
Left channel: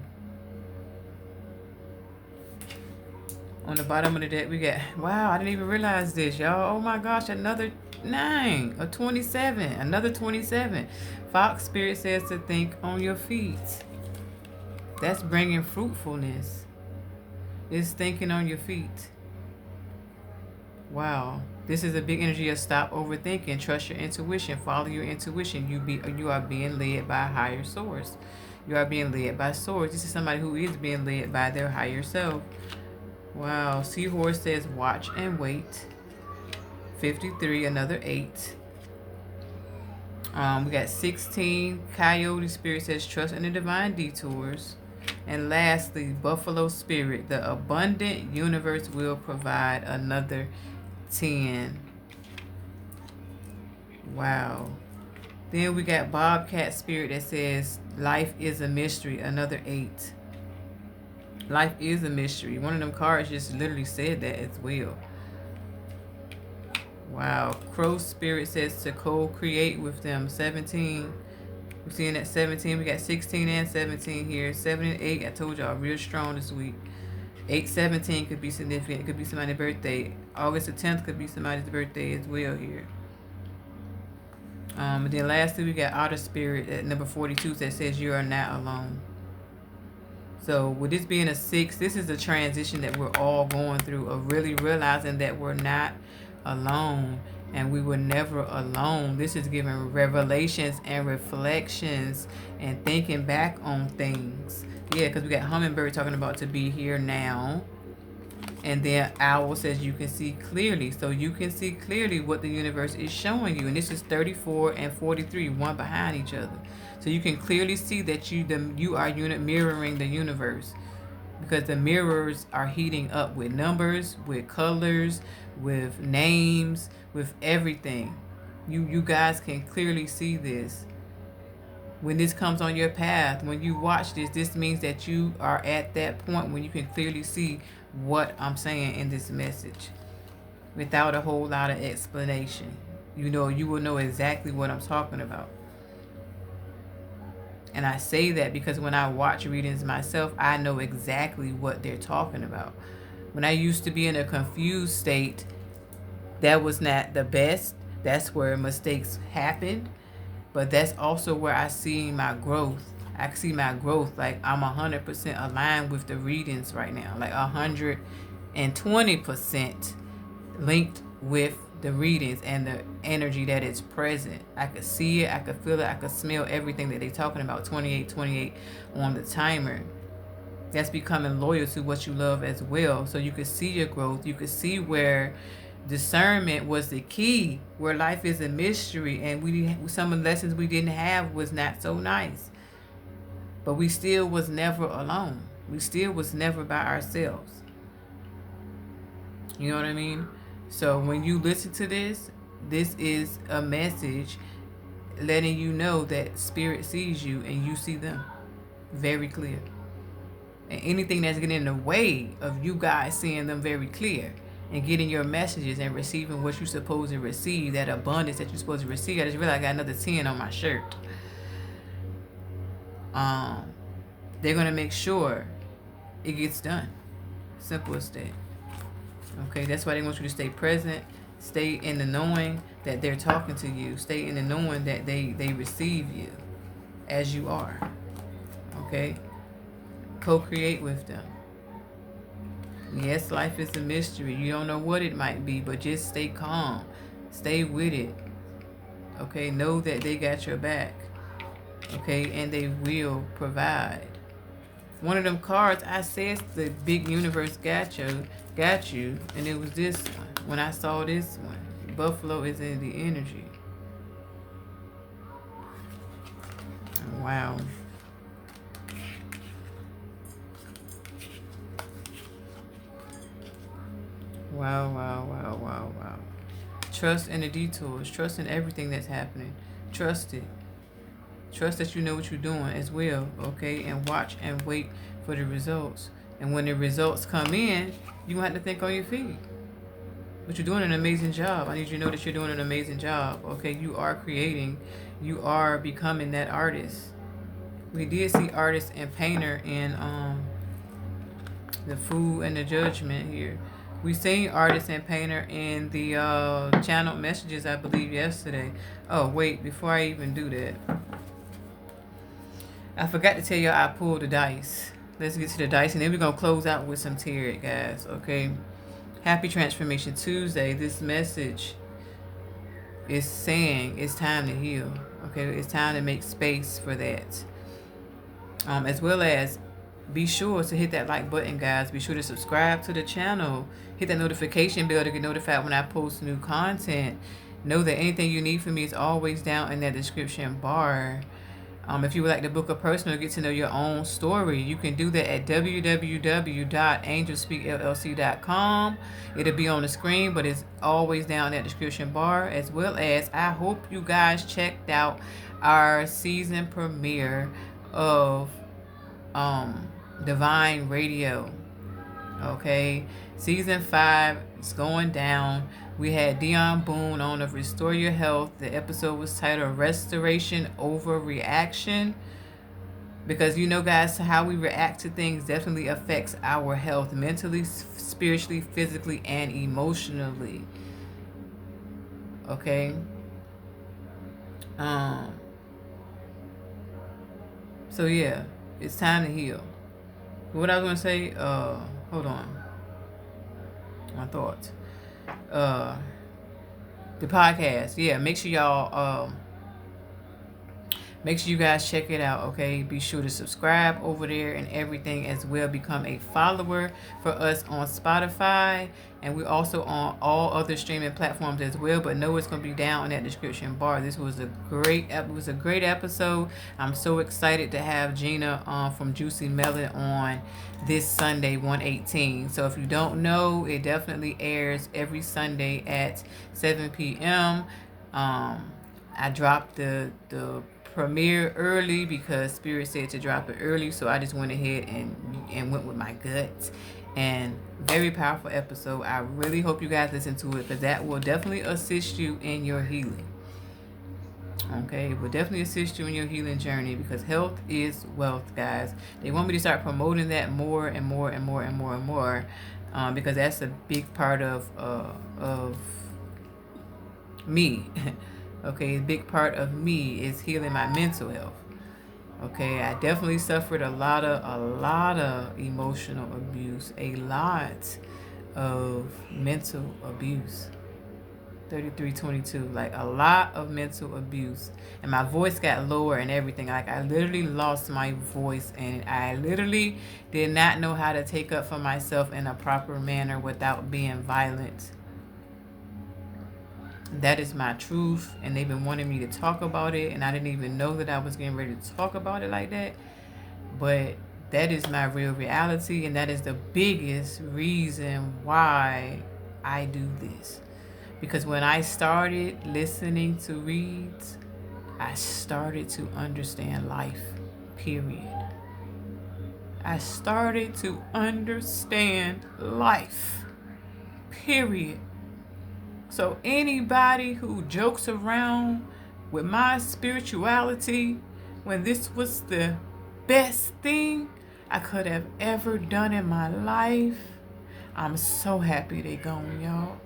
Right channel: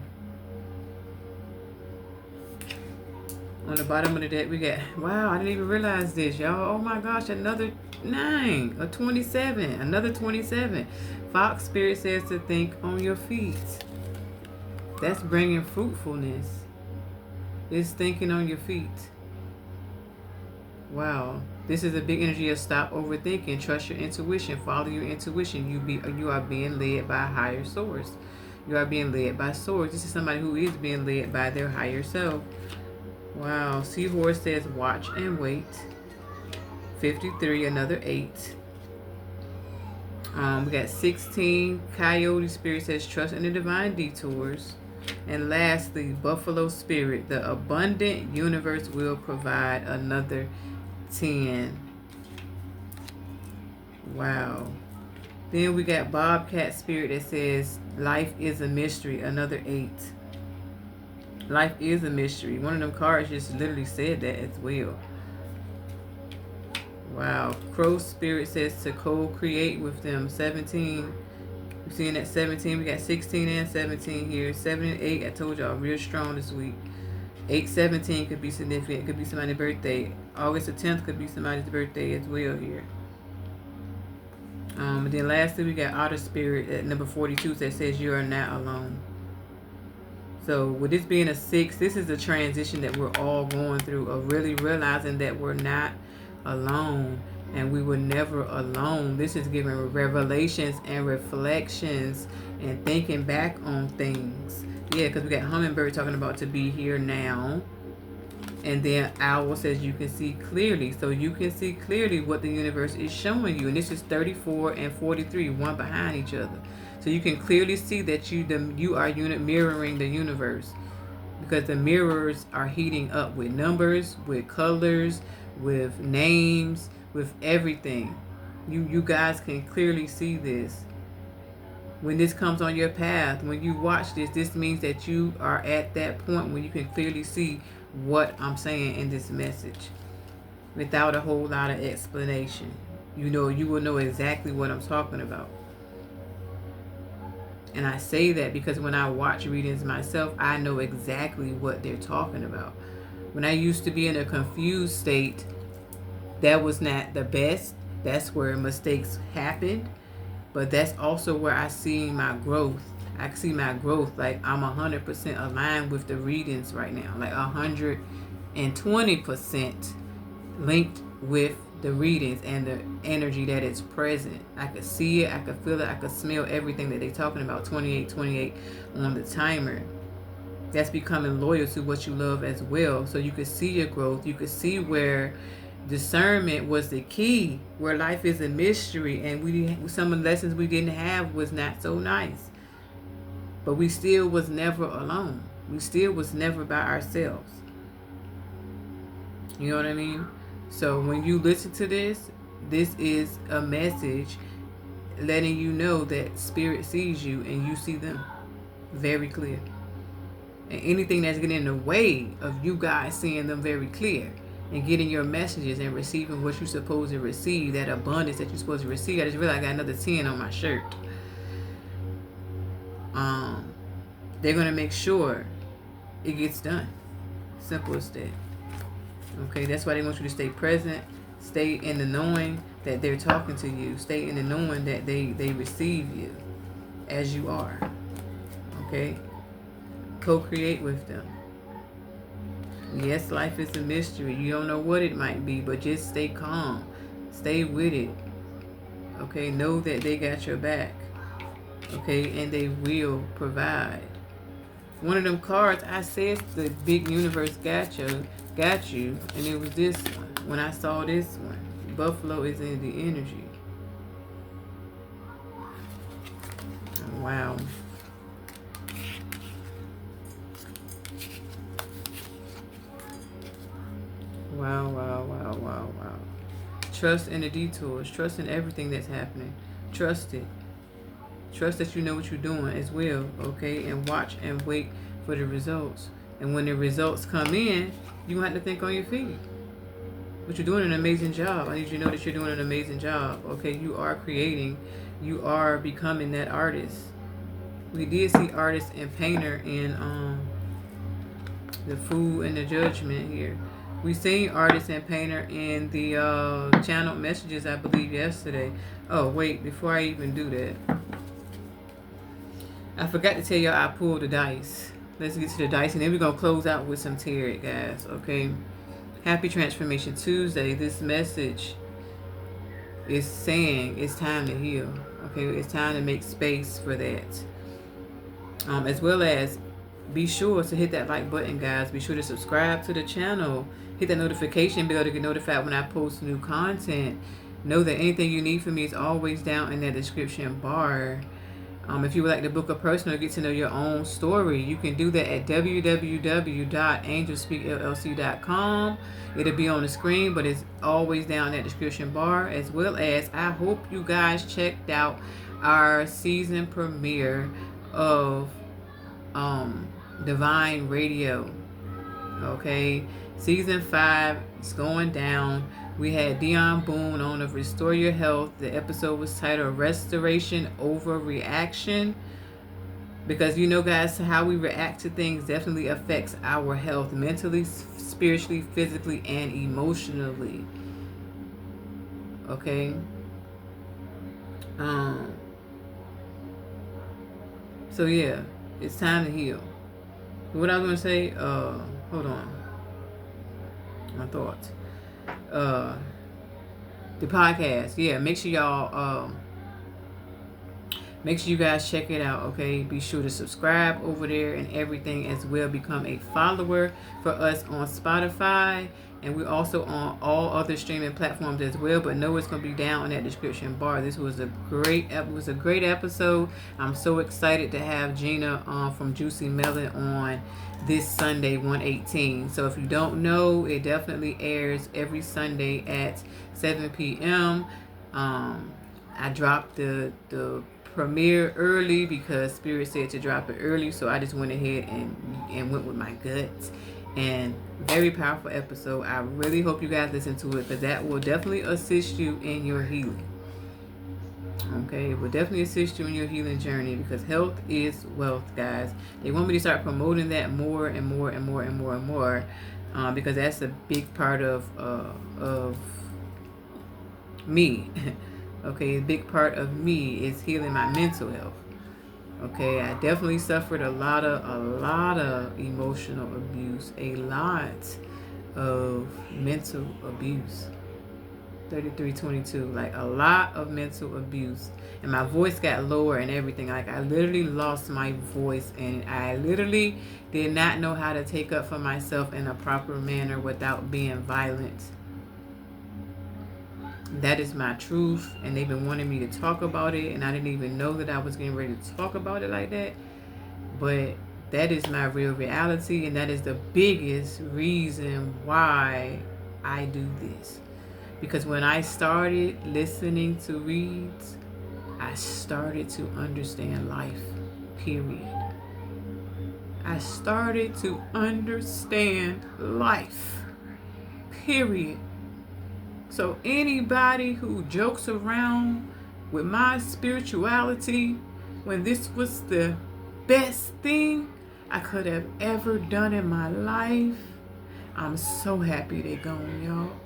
On the bottom of the deck, we got, wow, I didn't even realize this, y'all. Oh my gosh, another 9, a 27, another 27. Fox Spirit says to think on your feet. That's bringing fruitfulness. It's thinking on your feet. Wow. This is a big energy of stop overthinking. Trust your intuition. Follow your intuition. You are being led by a higher source. You are being led by source. This is somebody who is being led by their higher self. Wow. Seahorse says watch and wait. 53, another 8. We got 16. Coyote Spirit says trust in the divine detours. And lastly, Buffalo Spirit, the abundant universe will provide, another 10. Wow. Then we got Bobcat Spirit that says life is a mystery, another 8. Life is a mystery. One of them cards just literally said that as well. Wow. Crow Spirit says to co-create with them, 17. We're seeing that 17. We got 16 and 17 here. 7 and 8, I told y'all, real strong this week. 8-17 could be significant. It could be somebody's birthday. August the 10th could be somebody's birthday as well here. And then lastly, we got Outer Spirit at number 42 that says you are not alone. So with this being a 6, this is a transition that we're all going through, of really realizing that we're not alone and we were never alone. This is giving revelations and reflections and thinking back on things. Yeah, because we got Hummingbird talking about to be here now. And then Owl says you can see clearly. So you can see clearly what the universe is showing you. And this is 34 and 43, one behind each other. So you can clearly see that you are mirroring the universe, because the mirrors are heating up with numbers, with colors, with names, with everything. You guys can clearly see this. When this comes on your path, when you watch this, this means that you are at that point when you can clearly see what I'm saying in this message without a whole lot of explanation. You will know exactly what I'm talking about. And I say that because when I watch readings myself, I know exactly what they're talking about. When I used to be in a confused state, that was not the best. That's where mistakes happened. But that's also where I see my growth. I see my growth. Like I'm 100% aligned with the readings right now. Like 120% linked with the readings and the energy that is present. I could see it, I could feel it, I could smell everything that they're talking about. 28 on the timer. That's becoming loyal to what you love as well. So you could see your growth. You could see where discernment was the key, where life is a mystery, and some of the lessons we didn't have was not so nice. But we still was never alone. We still was never by ourselves. You know what I mean? So when you listen to this, this is a message letting you know that Spirit sees you and you see them very clear. And anything that's getting in the way of you guys seeing them very clear and getting your messages and receiving what you're supposed to receive, that abundance that you're supposed to receive. I just realized I got another 10 on my shirt. They're going to make sure it gets done. Simple as that. Okay, that's why they want you to stay present, stay in the knowing that they're talking to you, stay in the knowing that they receive you as you are. Okay, co-create with them. Yes, life is a mystery. You don't know what it might be, but just stay calm, stay with it. Okay, know that they got your back. Okay, and they will provide. One of them cards, I said the big universe got you, and it was this one. When I saw this one, Buffalo is in the energy. Wow. Wow, wow, wow, wow, wow. Trust in the detours. Trust in everything that's happening. Trust it. Trust that you know what you're doing as well, okay? And watch and wait for the results. And when the results come in, you have to think on your feet. But you're doing an amazing job. I need you to know that you're doing an amazing job, okay? You are creating. You are becoming that artist. We did see artist and painter in the food and the judgment here. We seen artist and painter in the channel messages, I believe, yesterday. Oh, wait, before I even do that, I forgot to tell y'all I pulled the dice. Let's get to the dice, and then we're going to close out with some tarot, guys, okay? Happy Transformation Tuesday. This message is saying it's time to heal, okay? It's time to make space for that. As well as be sure to hit that like button, guys. Be sure to subscribe to the channel. Hit that notification bell to get notified when I post new content. Know that anything you need from me is always down in that description bar. If you would like to book a personal, get to know your own story, you can do that at www.angelspeakllc.com. It'll be on the screen, but it's always down in that description bar. As well as, I hope you guys checked out our season premiere of Divine Radio. Okay, season 5 is going down. We had Dion Boone on of Restore Your Health. The episode was titled Restoration Over Reaction. Because you know, guys, how we react to things definitely affects our health mentally, spiritually, physically, and emotionally. Okay. So yeah, it's time to heal. What I was gonna say, hold on. My thoughts. The podcast. Yeah, make sure y'all make sure you guys check it out, okay? Be sure to subscribe over there and everything as well. Become a follower for us on Spotify. And we're also on all other streaming platforms as well. But know it's going to be down in that description bar. This was a great episode. I'm so excited to have Gina from Juicy Melon on this Sunday, 1/18. So if you don't know, it definitely airs every Sunday at 7 p.m. I dropped the premiere early because Spirit said to drop it early, so I just went ahead and went with my guts. And very powerful episode. I really hope you guys listen to it, because that will definitely assist you in your healing. Okay, it will definitely assist you in your healing journey, because health is wealth, guys. They want me to start promoting that more and more and more and more and more, because that's a big part of me. Okay, a big part of me is healing my mental health. Okay, I definitely suffered a lot of emotional abuse, a lot of mental abuse. 3322, like a lot of mental abuse, and my voice got lower and everything. Like, I literally lost my voice, and I literally did not know how to take up for myself in a proper manner without being violent. That is my truth, and they've been wanting me to talk about it, and I didn't even know that I was getting ready to talk about it like that. But that is my real reality, and that is the biggest reason why I do this. Because when I started listening to reads, I started to understand life, period. I started to understand life, period. So anybody who jokes around with my spirituality, when this was the best thing I could have ever done in my life, I'm so happy they gone, y'all.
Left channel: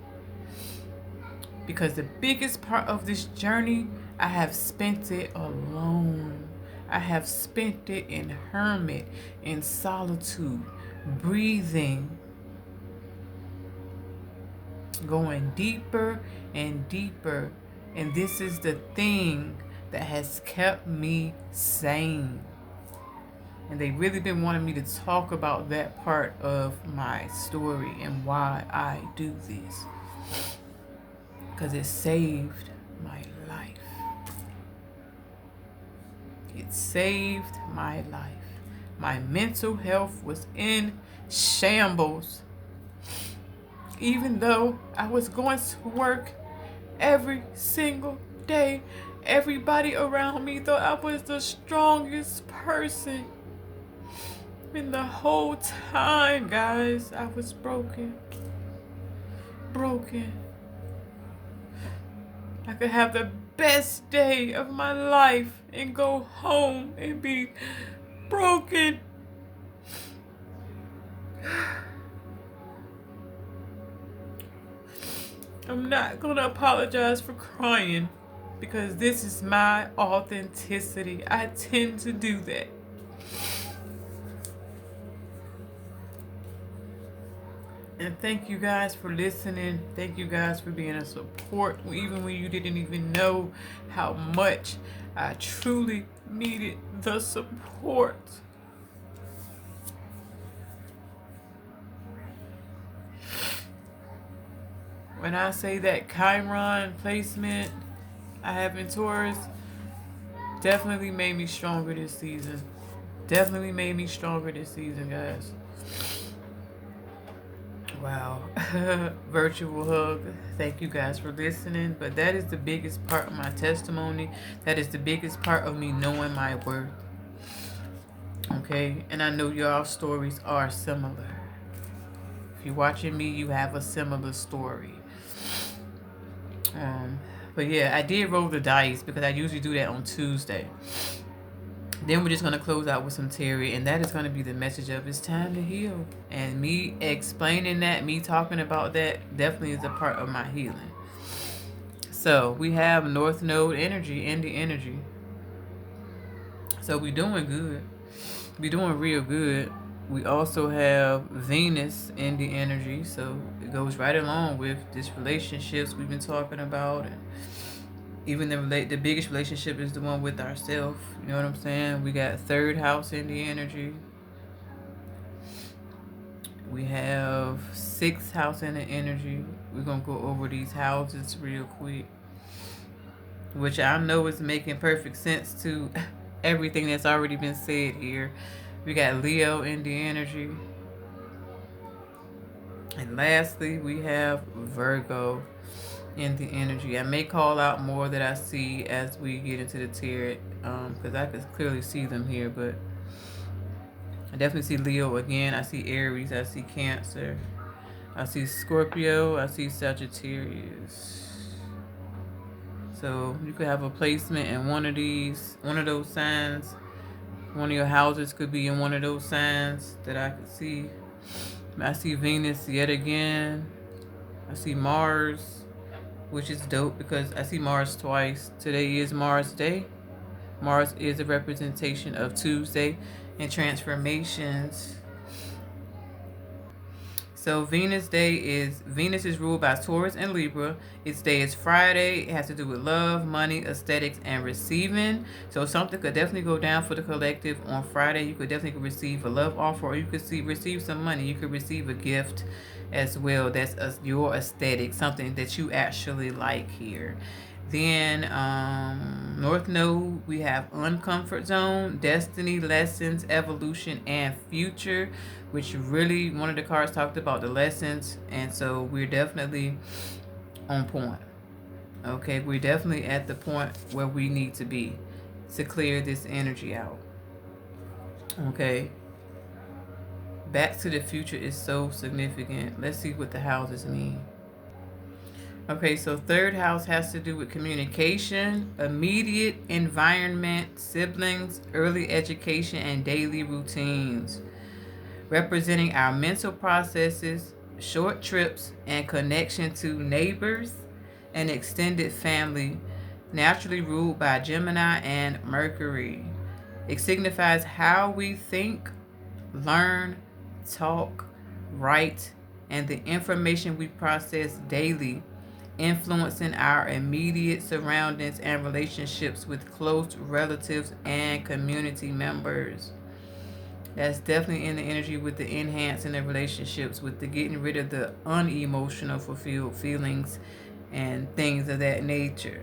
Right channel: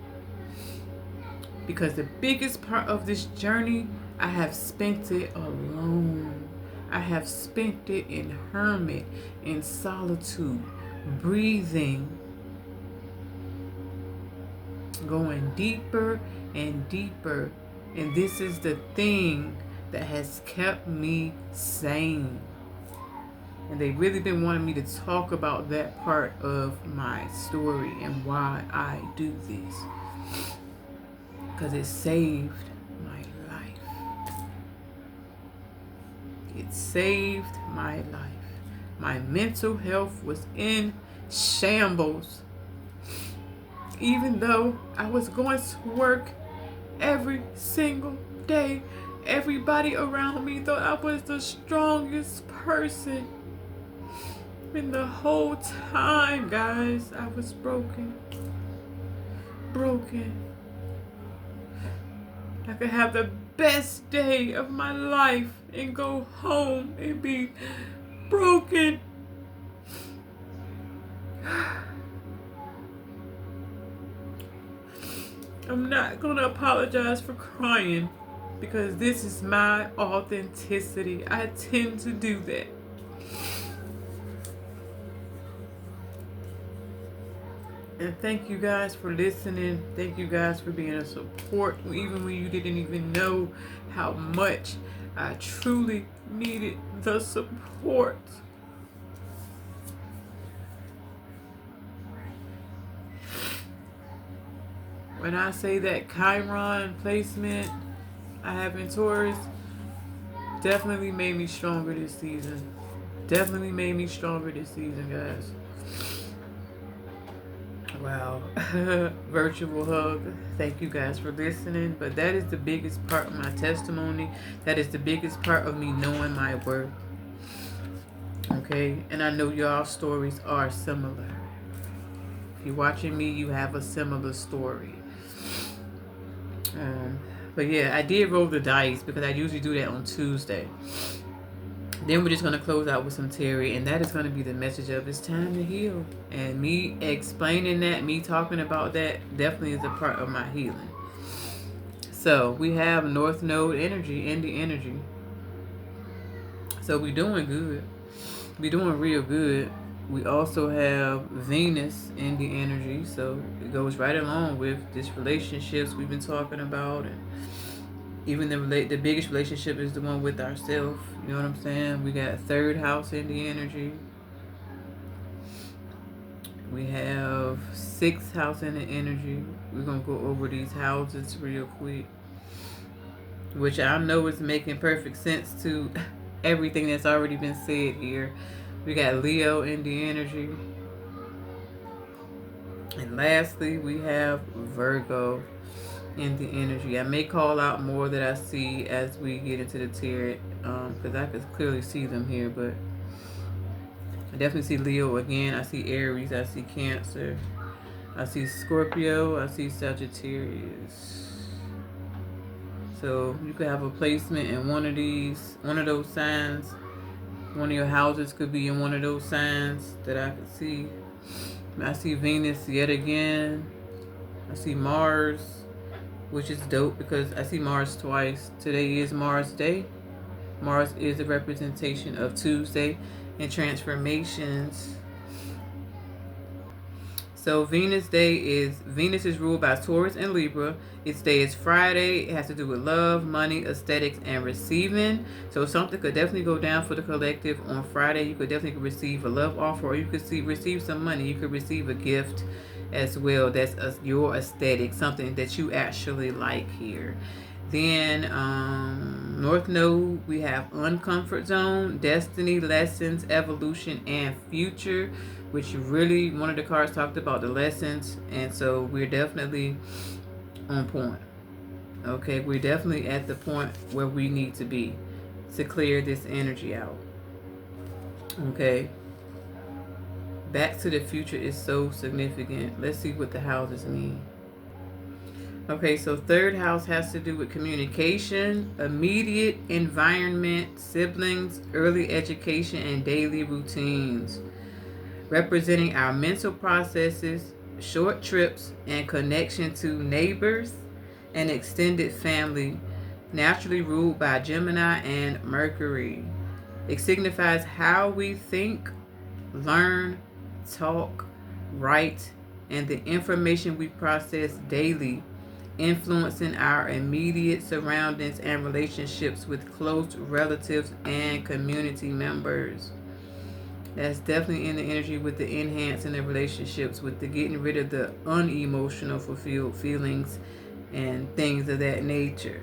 Because the biggest part of this journey, I have spent it alone. I have spent it in hermit, in solitude, breathing, going deeper and deeper. And this is the thing that has kept me sane. And they've really been wanting me to talk about that part of my story and why I do this. because it saved my life. It saved my life. My mental health was in shambles. Even though I was going to work every single day, everybody around me thought I was the strongest person. And the whole time, guys, I was broken. Broken. I could have the best day of my life and go home and be broken. I'm not gonna apologize for crying because this is my authenticity. I tend to do that. And thank you guys for listening. Thank you guys for being a support, even when you didn't even know how much I truly needed the support. When I say that Chiron placement I have in Taurus definitely made me stronger this season. Definitely made me stronger this season, guys. Wow. Virtual hug. Thank you guys for listening. But that is the biggest part of my testimony. That is the biggest part of me knowing my worth. Okay? And I know y'all stories are similar. If you're watching me, you have a similar story. But yeah, I did roll the dice because I usually do that on Tuesday. Then we're just going to close out with some Terry, and that is going to be the message of it's time to heal. And me explaining that, me talking about that, definitely is a part of my healing. So we have North Node energy, Indie energy. So we're doing good. We're doing real good. We also have Venus in the energy, so it goes right along with this relationships we've been talking about. And even the biggest relationship is the one with ourselves. You know what I'm saying? We got third house in the energy. We have sixth house in the energy. We're going to go over these houses real quick, which I know is making perfect sense to everything that's already been said here. We got Leo in the energy. And lastly, we have Virgo in the energy. I may call out more that I see as we get into the tarot, because I can clearly see them here, but I definitely see Leo again. I see Aries. I see Cancer. I see Scorpio. I see Sagittarius. So you could have a placement in one of those signs. One of your houses could be in one of those signs that I could see. I see Venus yet again. I see Mars, which is dope because I see Mars twice. Today is Mars Day. Mars is a representation of Tuesday and transformations. So Venus is ruled by Taurus and Libra. Its day is Friday. It has to do with love, money, aesthetics, and receiving. So something could definitely go down for the collective on Friday. You could definitely receive a love offer, or you could receive some money. You could receive a gift as well. That's your aesthetic, something that you actually like here. Then North Node, we have uncomfort zone, destiny, lessons, evolution, and future, which really one of the cards talked about the lessons, and so we're definitely on point. Okay, we're definitely at the point where we need to be to clear this energy out. Okay, Back to the Future is so significant. Let's see what the houses mean. Okay, so third house has to do with communication, immediate environment, siblings, early education, and daily routines. Representing our mental processes, short trips, and connection to neighbors and extended family, naturally ruled by Gemini and Mercury. It signifies how we think, learn, talk, write, and the information we process daily, influencing our immediate surroundings and relationships with close relatives and community members. That's definitely in the energy with the enhancing the relationships, with the getting rid of the unemotional fulfilled feelings and things of that nature.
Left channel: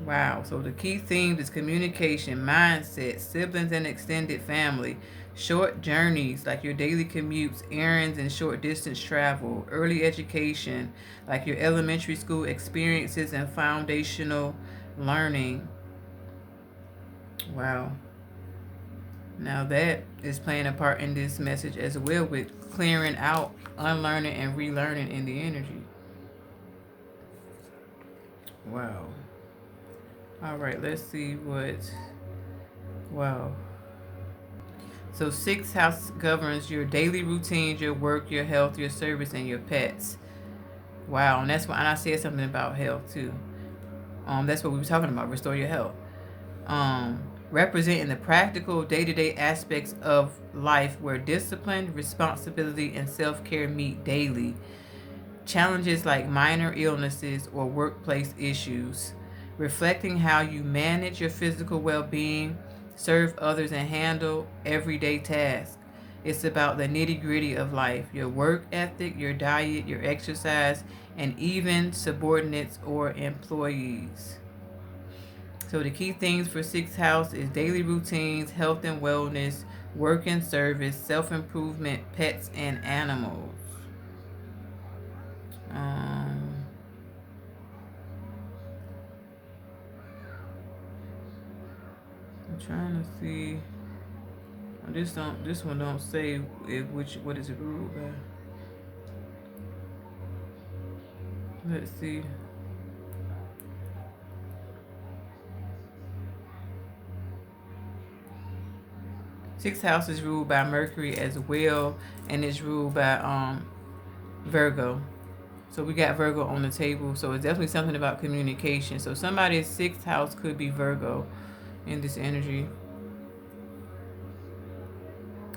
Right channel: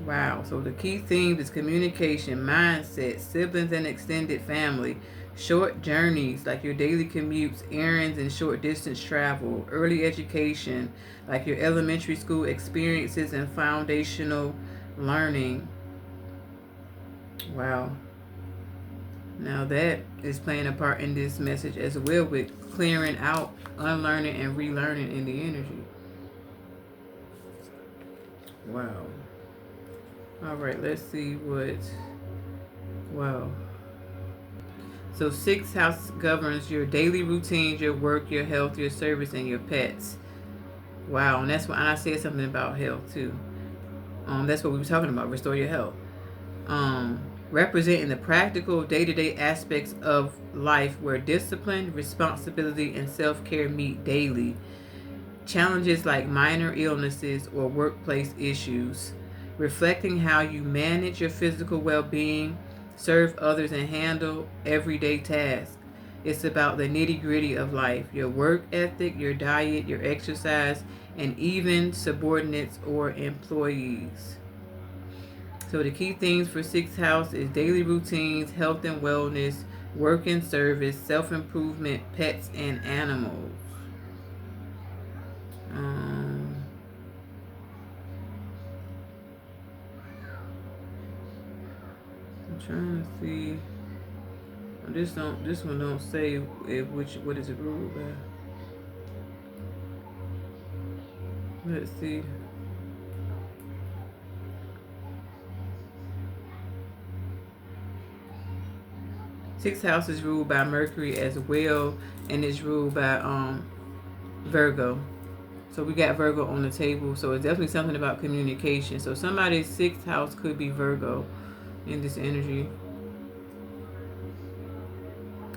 Wow. So the key themes is communication, mindset, siblings and extended family, short journeys like your daily commutes, errands and short distance travel, early education like your elementary school experiences and foundational learning. Wow. Now that is playing a part in this message as well with clearing out, unlearning and relearning in the energy. Wow. All right, let's see what. Wow. So, sixth house governs your daily routines, your work, your health, your service, and your pets. Wow, and that's why I said something about health too. That's what we were talking about. Restore your health. Um, Representing the practical day-to-day aspects of life where discipline, responsibility, and self-care meet daily. Challenges like minor illnesses or workplace issues, reflecting how you manage your physical well being, serve others, and handle everyday tasks. It's about the nitty gritty of life, your work ethic, your diet, your exercise, and even subordinates or employees. So, the key things for sixth house is daily routines, health and wellness, work and service, self improvement, pets, and animals. Um, I'm trying to see. This one don't say which what is it ruled by. Let's see. Sixth house is ruled by Mercury as well, and it's ruled by Virgo. So we got Virgo on the table. So it's definitely something about communication. So somebody's sixth house could be Virgo in this energy.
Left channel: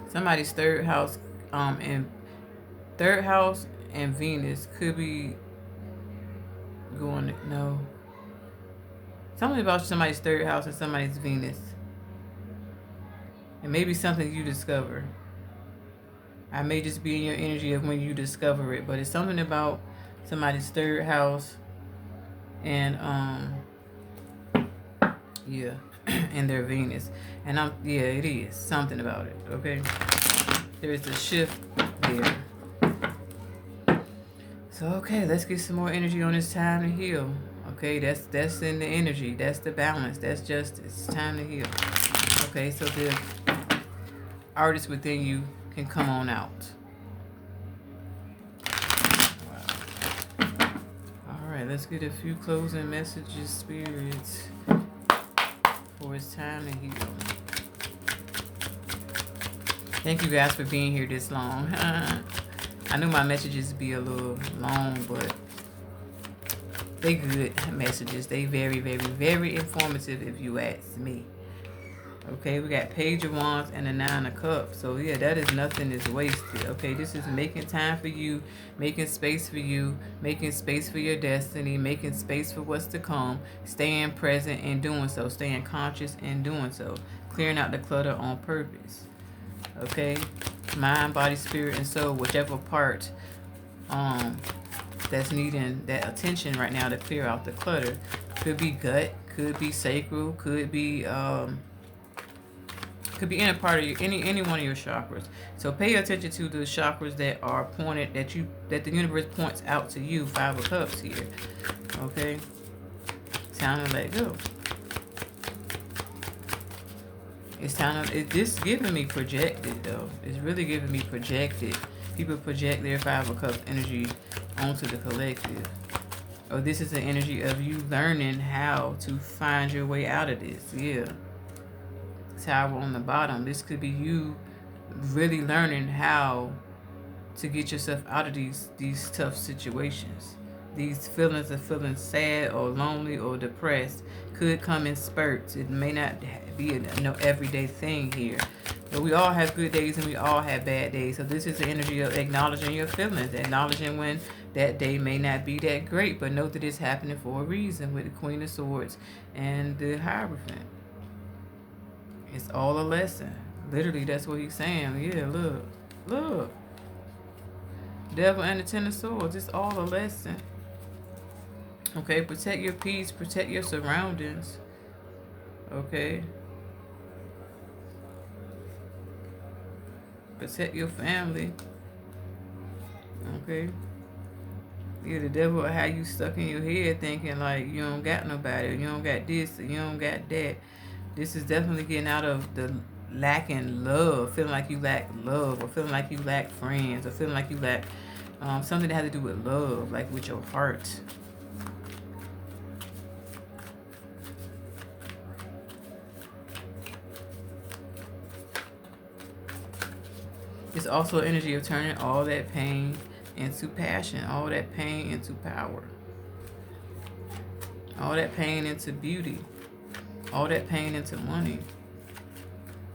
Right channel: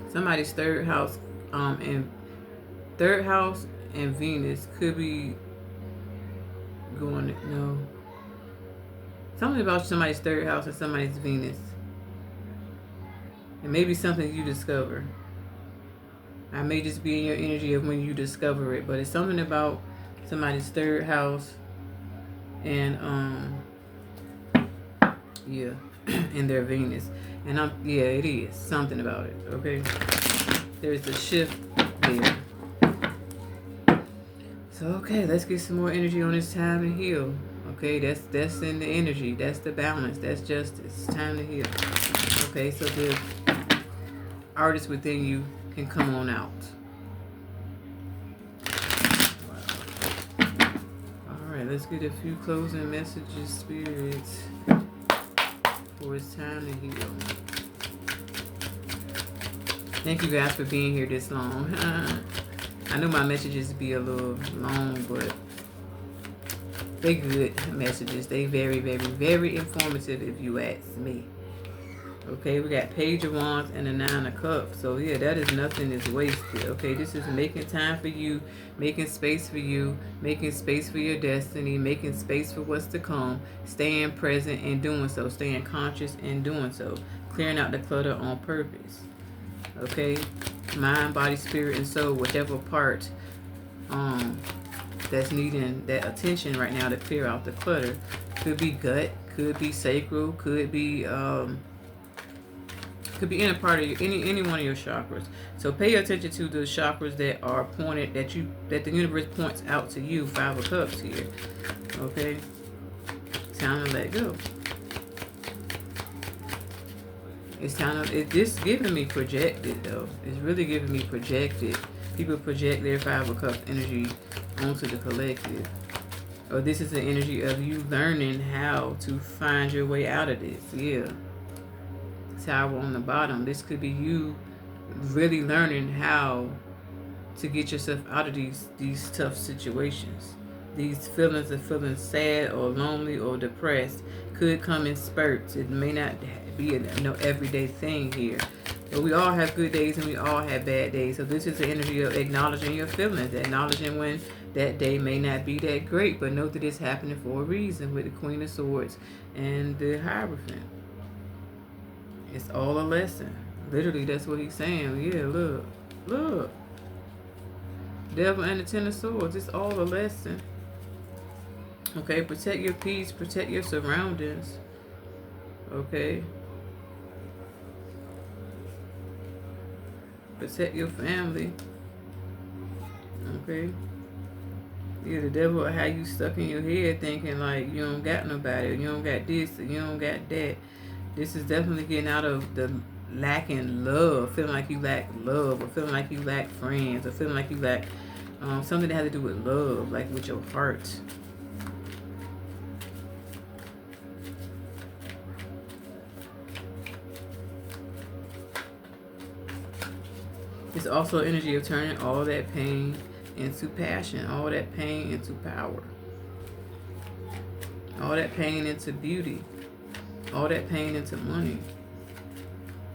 Somebody's and third house and Venus could be going. No, something about somebody's third house and somebody's Venus. It may be something you discover. I may just be in your energy of when you discover it, but it's something about somebody's third house and yeah, and their Venus. And it is something about it. Okay, there's a shift there. So okay, let's get some more energy on this time to heal. Okay, that's in the energy. That's the balance. That's justice. It's time to heal. Okay, so the artist within you can come on out. All right, let's get a few closing messages, spirits, for it's time to heal. Thank you guys for being here this long. I know my messages be a little long, but they good messages. They very, very, very informative if you ask me. Okay, we got Page of Wands and the Nine of Cups. So yeah, that is nothing is wasted. Okay, this is making time for you, making space for you, making space for your destiny, making space for what's to come, staying present in doing so, staying conscious in doing so, clearing out the clutter on purpose. Okay, mind, body, spirit, and soul, whichever part that's needing that attention right now to clear out the clutter. Could be gut, could be sacral, could be any part of any one of your chakras. So pay attention to the chakras that are pointed that the universe points out to you. Five of Cups here. Okay, time to let go. It's time to. This giving me projected though. It's really giving me projected. People project their Five of Cups energy onto the collective. Or this is the energy of you learning how to find your way out of this. Yeah. Tower on the bottom. This could be you really learning how to get yourself out of these tough situations. These feelings of feeling sad or lonely or depressed could come in spurts. It may not be a everyday thing here. But we all have good days and we all have bad days. So this is the energy of acknowledging your feelings, acknowledging when that day may not be that great, but know that it's happening for a reason with the Queen of Swords and the Hierophant. It's all a lesson. Literally, that's what he's saying. Yeah, look. Devil and the Ten of Swords. It's all a lesson. Okay, protect your peace, protect your surroundings. Okay, protect your family. Okay, yeah, the devil will have you stuck in your head thinking like you don't got nobody, or you don't got this, or you don't got that. This is definitely getting out of the lacking love, feeling like you lack love, or feeling like you lack friends, or feeling like you lack something that has to do with love, like with your heart. It's also energy of turning all that pain into passion, all that pain into power, all that pain into beauty, all that pain into money.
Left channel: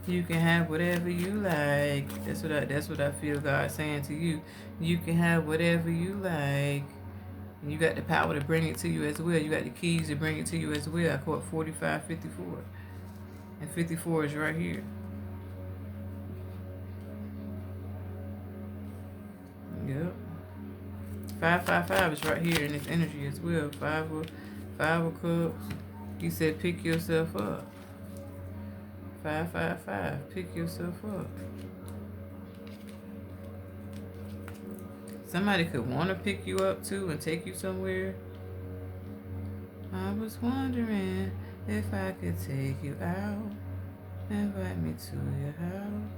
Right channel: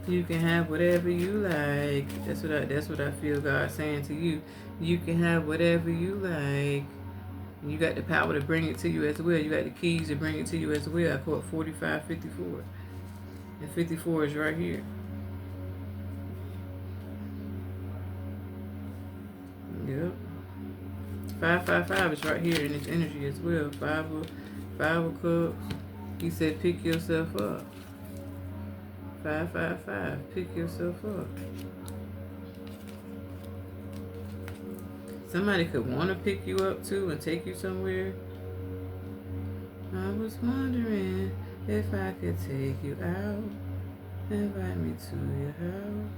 You can have whatever you like. That's what I feel God saying to you. You can have whatever you like. You got the power to bring it to you as well. You got the keys to bring it to you as well. I caught 4554. And 54 is right here. Yep. 555 is right here in this energy as well. Five of cups. You said pick yourself up. 555. Pick yourself up. Somebody could want to pick you up too and take you somewhere. I was wondering if I could take you out. Invite me to your house.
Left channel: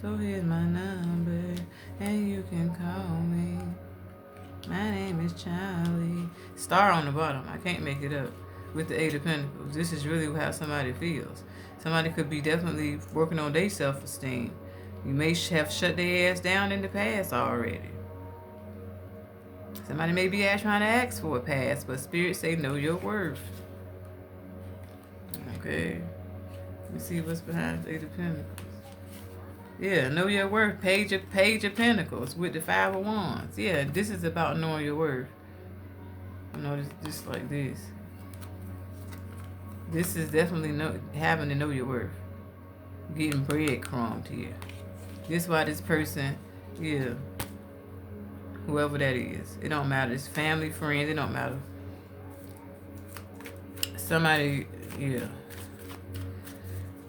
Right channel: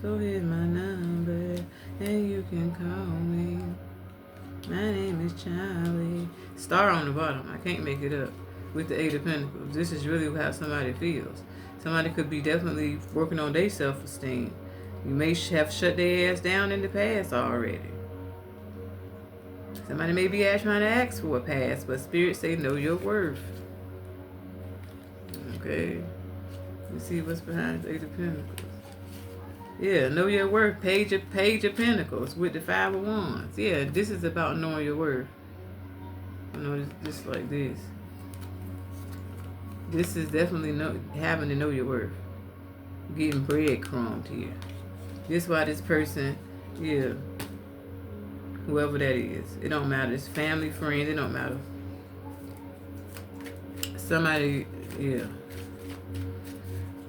So here's my number and you can call me. My name is Charlie. Star on the bottom. I can't make it up. With the Eight of Pentacles. This is really how somebody feels. Somebody could be definitely working on their self-esteem. You may have shut their ass down in the past already. Somebody may be trying to ask for a pass, but Spirit say know your worth. Okay. Let's see what's behind the Eight of Pentacles. Yeah, know your worth. Page of Pentacles with the Five of Wands. Yeah, this is about knowing your worth. You know, just like this. This is definitely having to know your worth. Getting breadcrumbed here. This is why this person, yeah, whoever that is, it don't matter. It's family, friends, it don't matter. Somebody, yeah.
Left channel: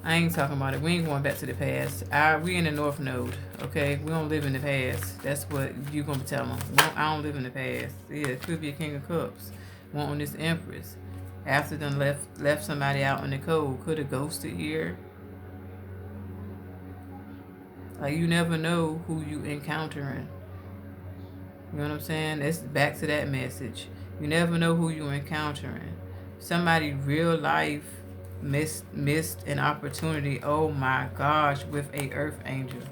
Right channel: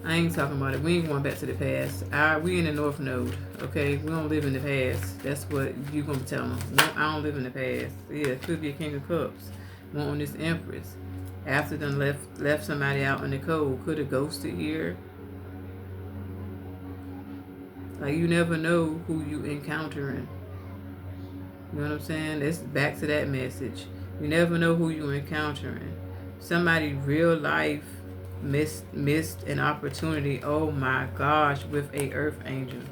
I ain't talking about it. We ain't going back to the past. We in the North Node, okay? We don't live in the past. That's what you gonna tell them. I don't live in the past. Yeah, it could be a King of Cups. Wanting this Empress. After them left somebody out in the cold. Could have ghosted here. Like you never know who you encountering. You know what I'm saying? That's back to that message. You never know who you're encountering. Somebody real life missed an opportunity. Oh my gosh, with a earth angel.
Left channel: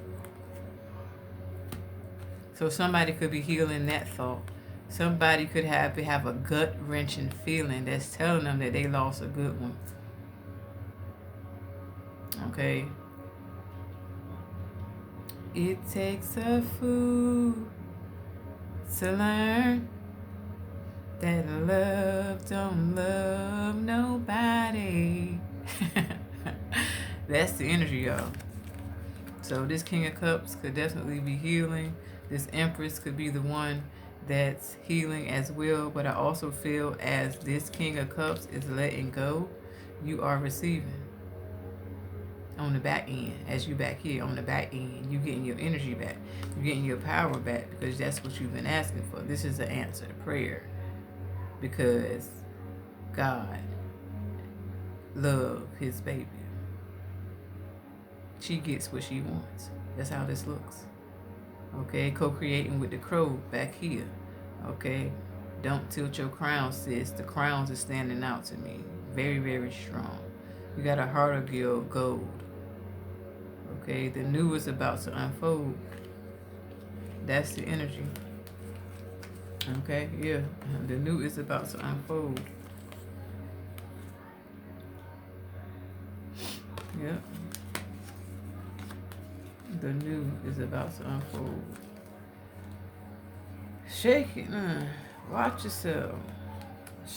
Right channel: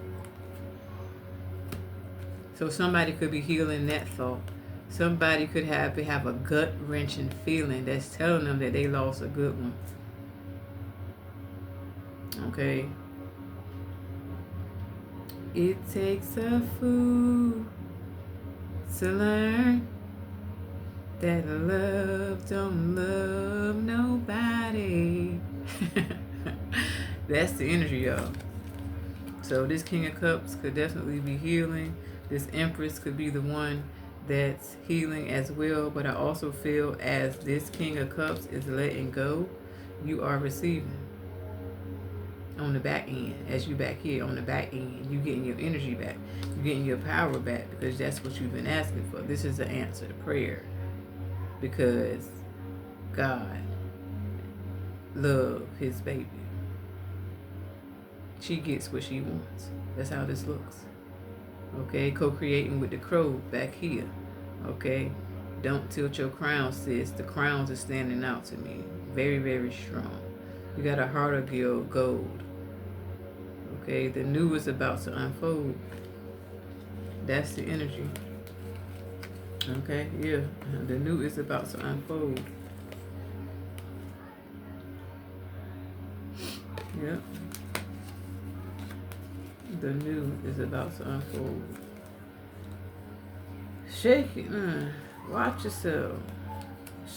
So somebody could be healing that thought. Somebody could have a gut wrenching feeling that's telling them that they lost a good one. Okay. It takes a fool to learn that love don't love nobody. That's the energy, y'all. So this King of Cups could definitely be healing. This Empress could be the one that's healing as well. But I also feel as this King of Cups is letting go, you are receiving. On the back end, as you back here on the back end, you getting your energy back. You getting your power back because that's what you've been asking for. This is the answer to prayer. Because God loved his baby. She gets what she wants. That's how this looks. Okay, co-creating with the crow back here. Okay, don't tilt your crown, sis. The crowns are standing out to me. Very, very strong. You got a heart of gold. Okay, the new is about to unfold. That's the energy. Okay, yeah, the new is about to unfold. Yep. The new is about to unfold. Shake it. Watch yourself.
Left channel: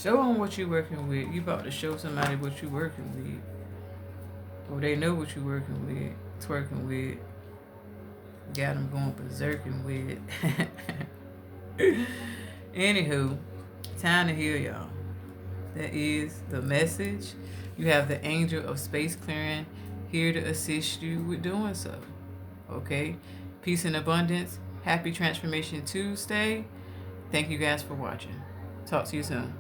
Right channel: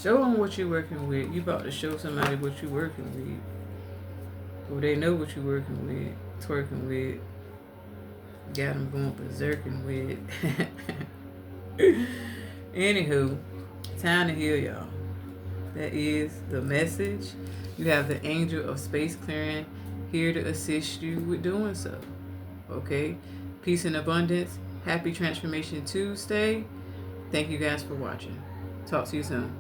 Show them what you're working with. You about to show somebody what you're working with. Or they know what you're working with. Twerking with. Got them going berserking with. Anywho, Time to heal, y'all. That is the message. You have the angel of space clearing here to assist you with doing so. Okay? Peace and abundance. Happy Transformation Tuesday. Thank you guys for watching. Talk to you soon.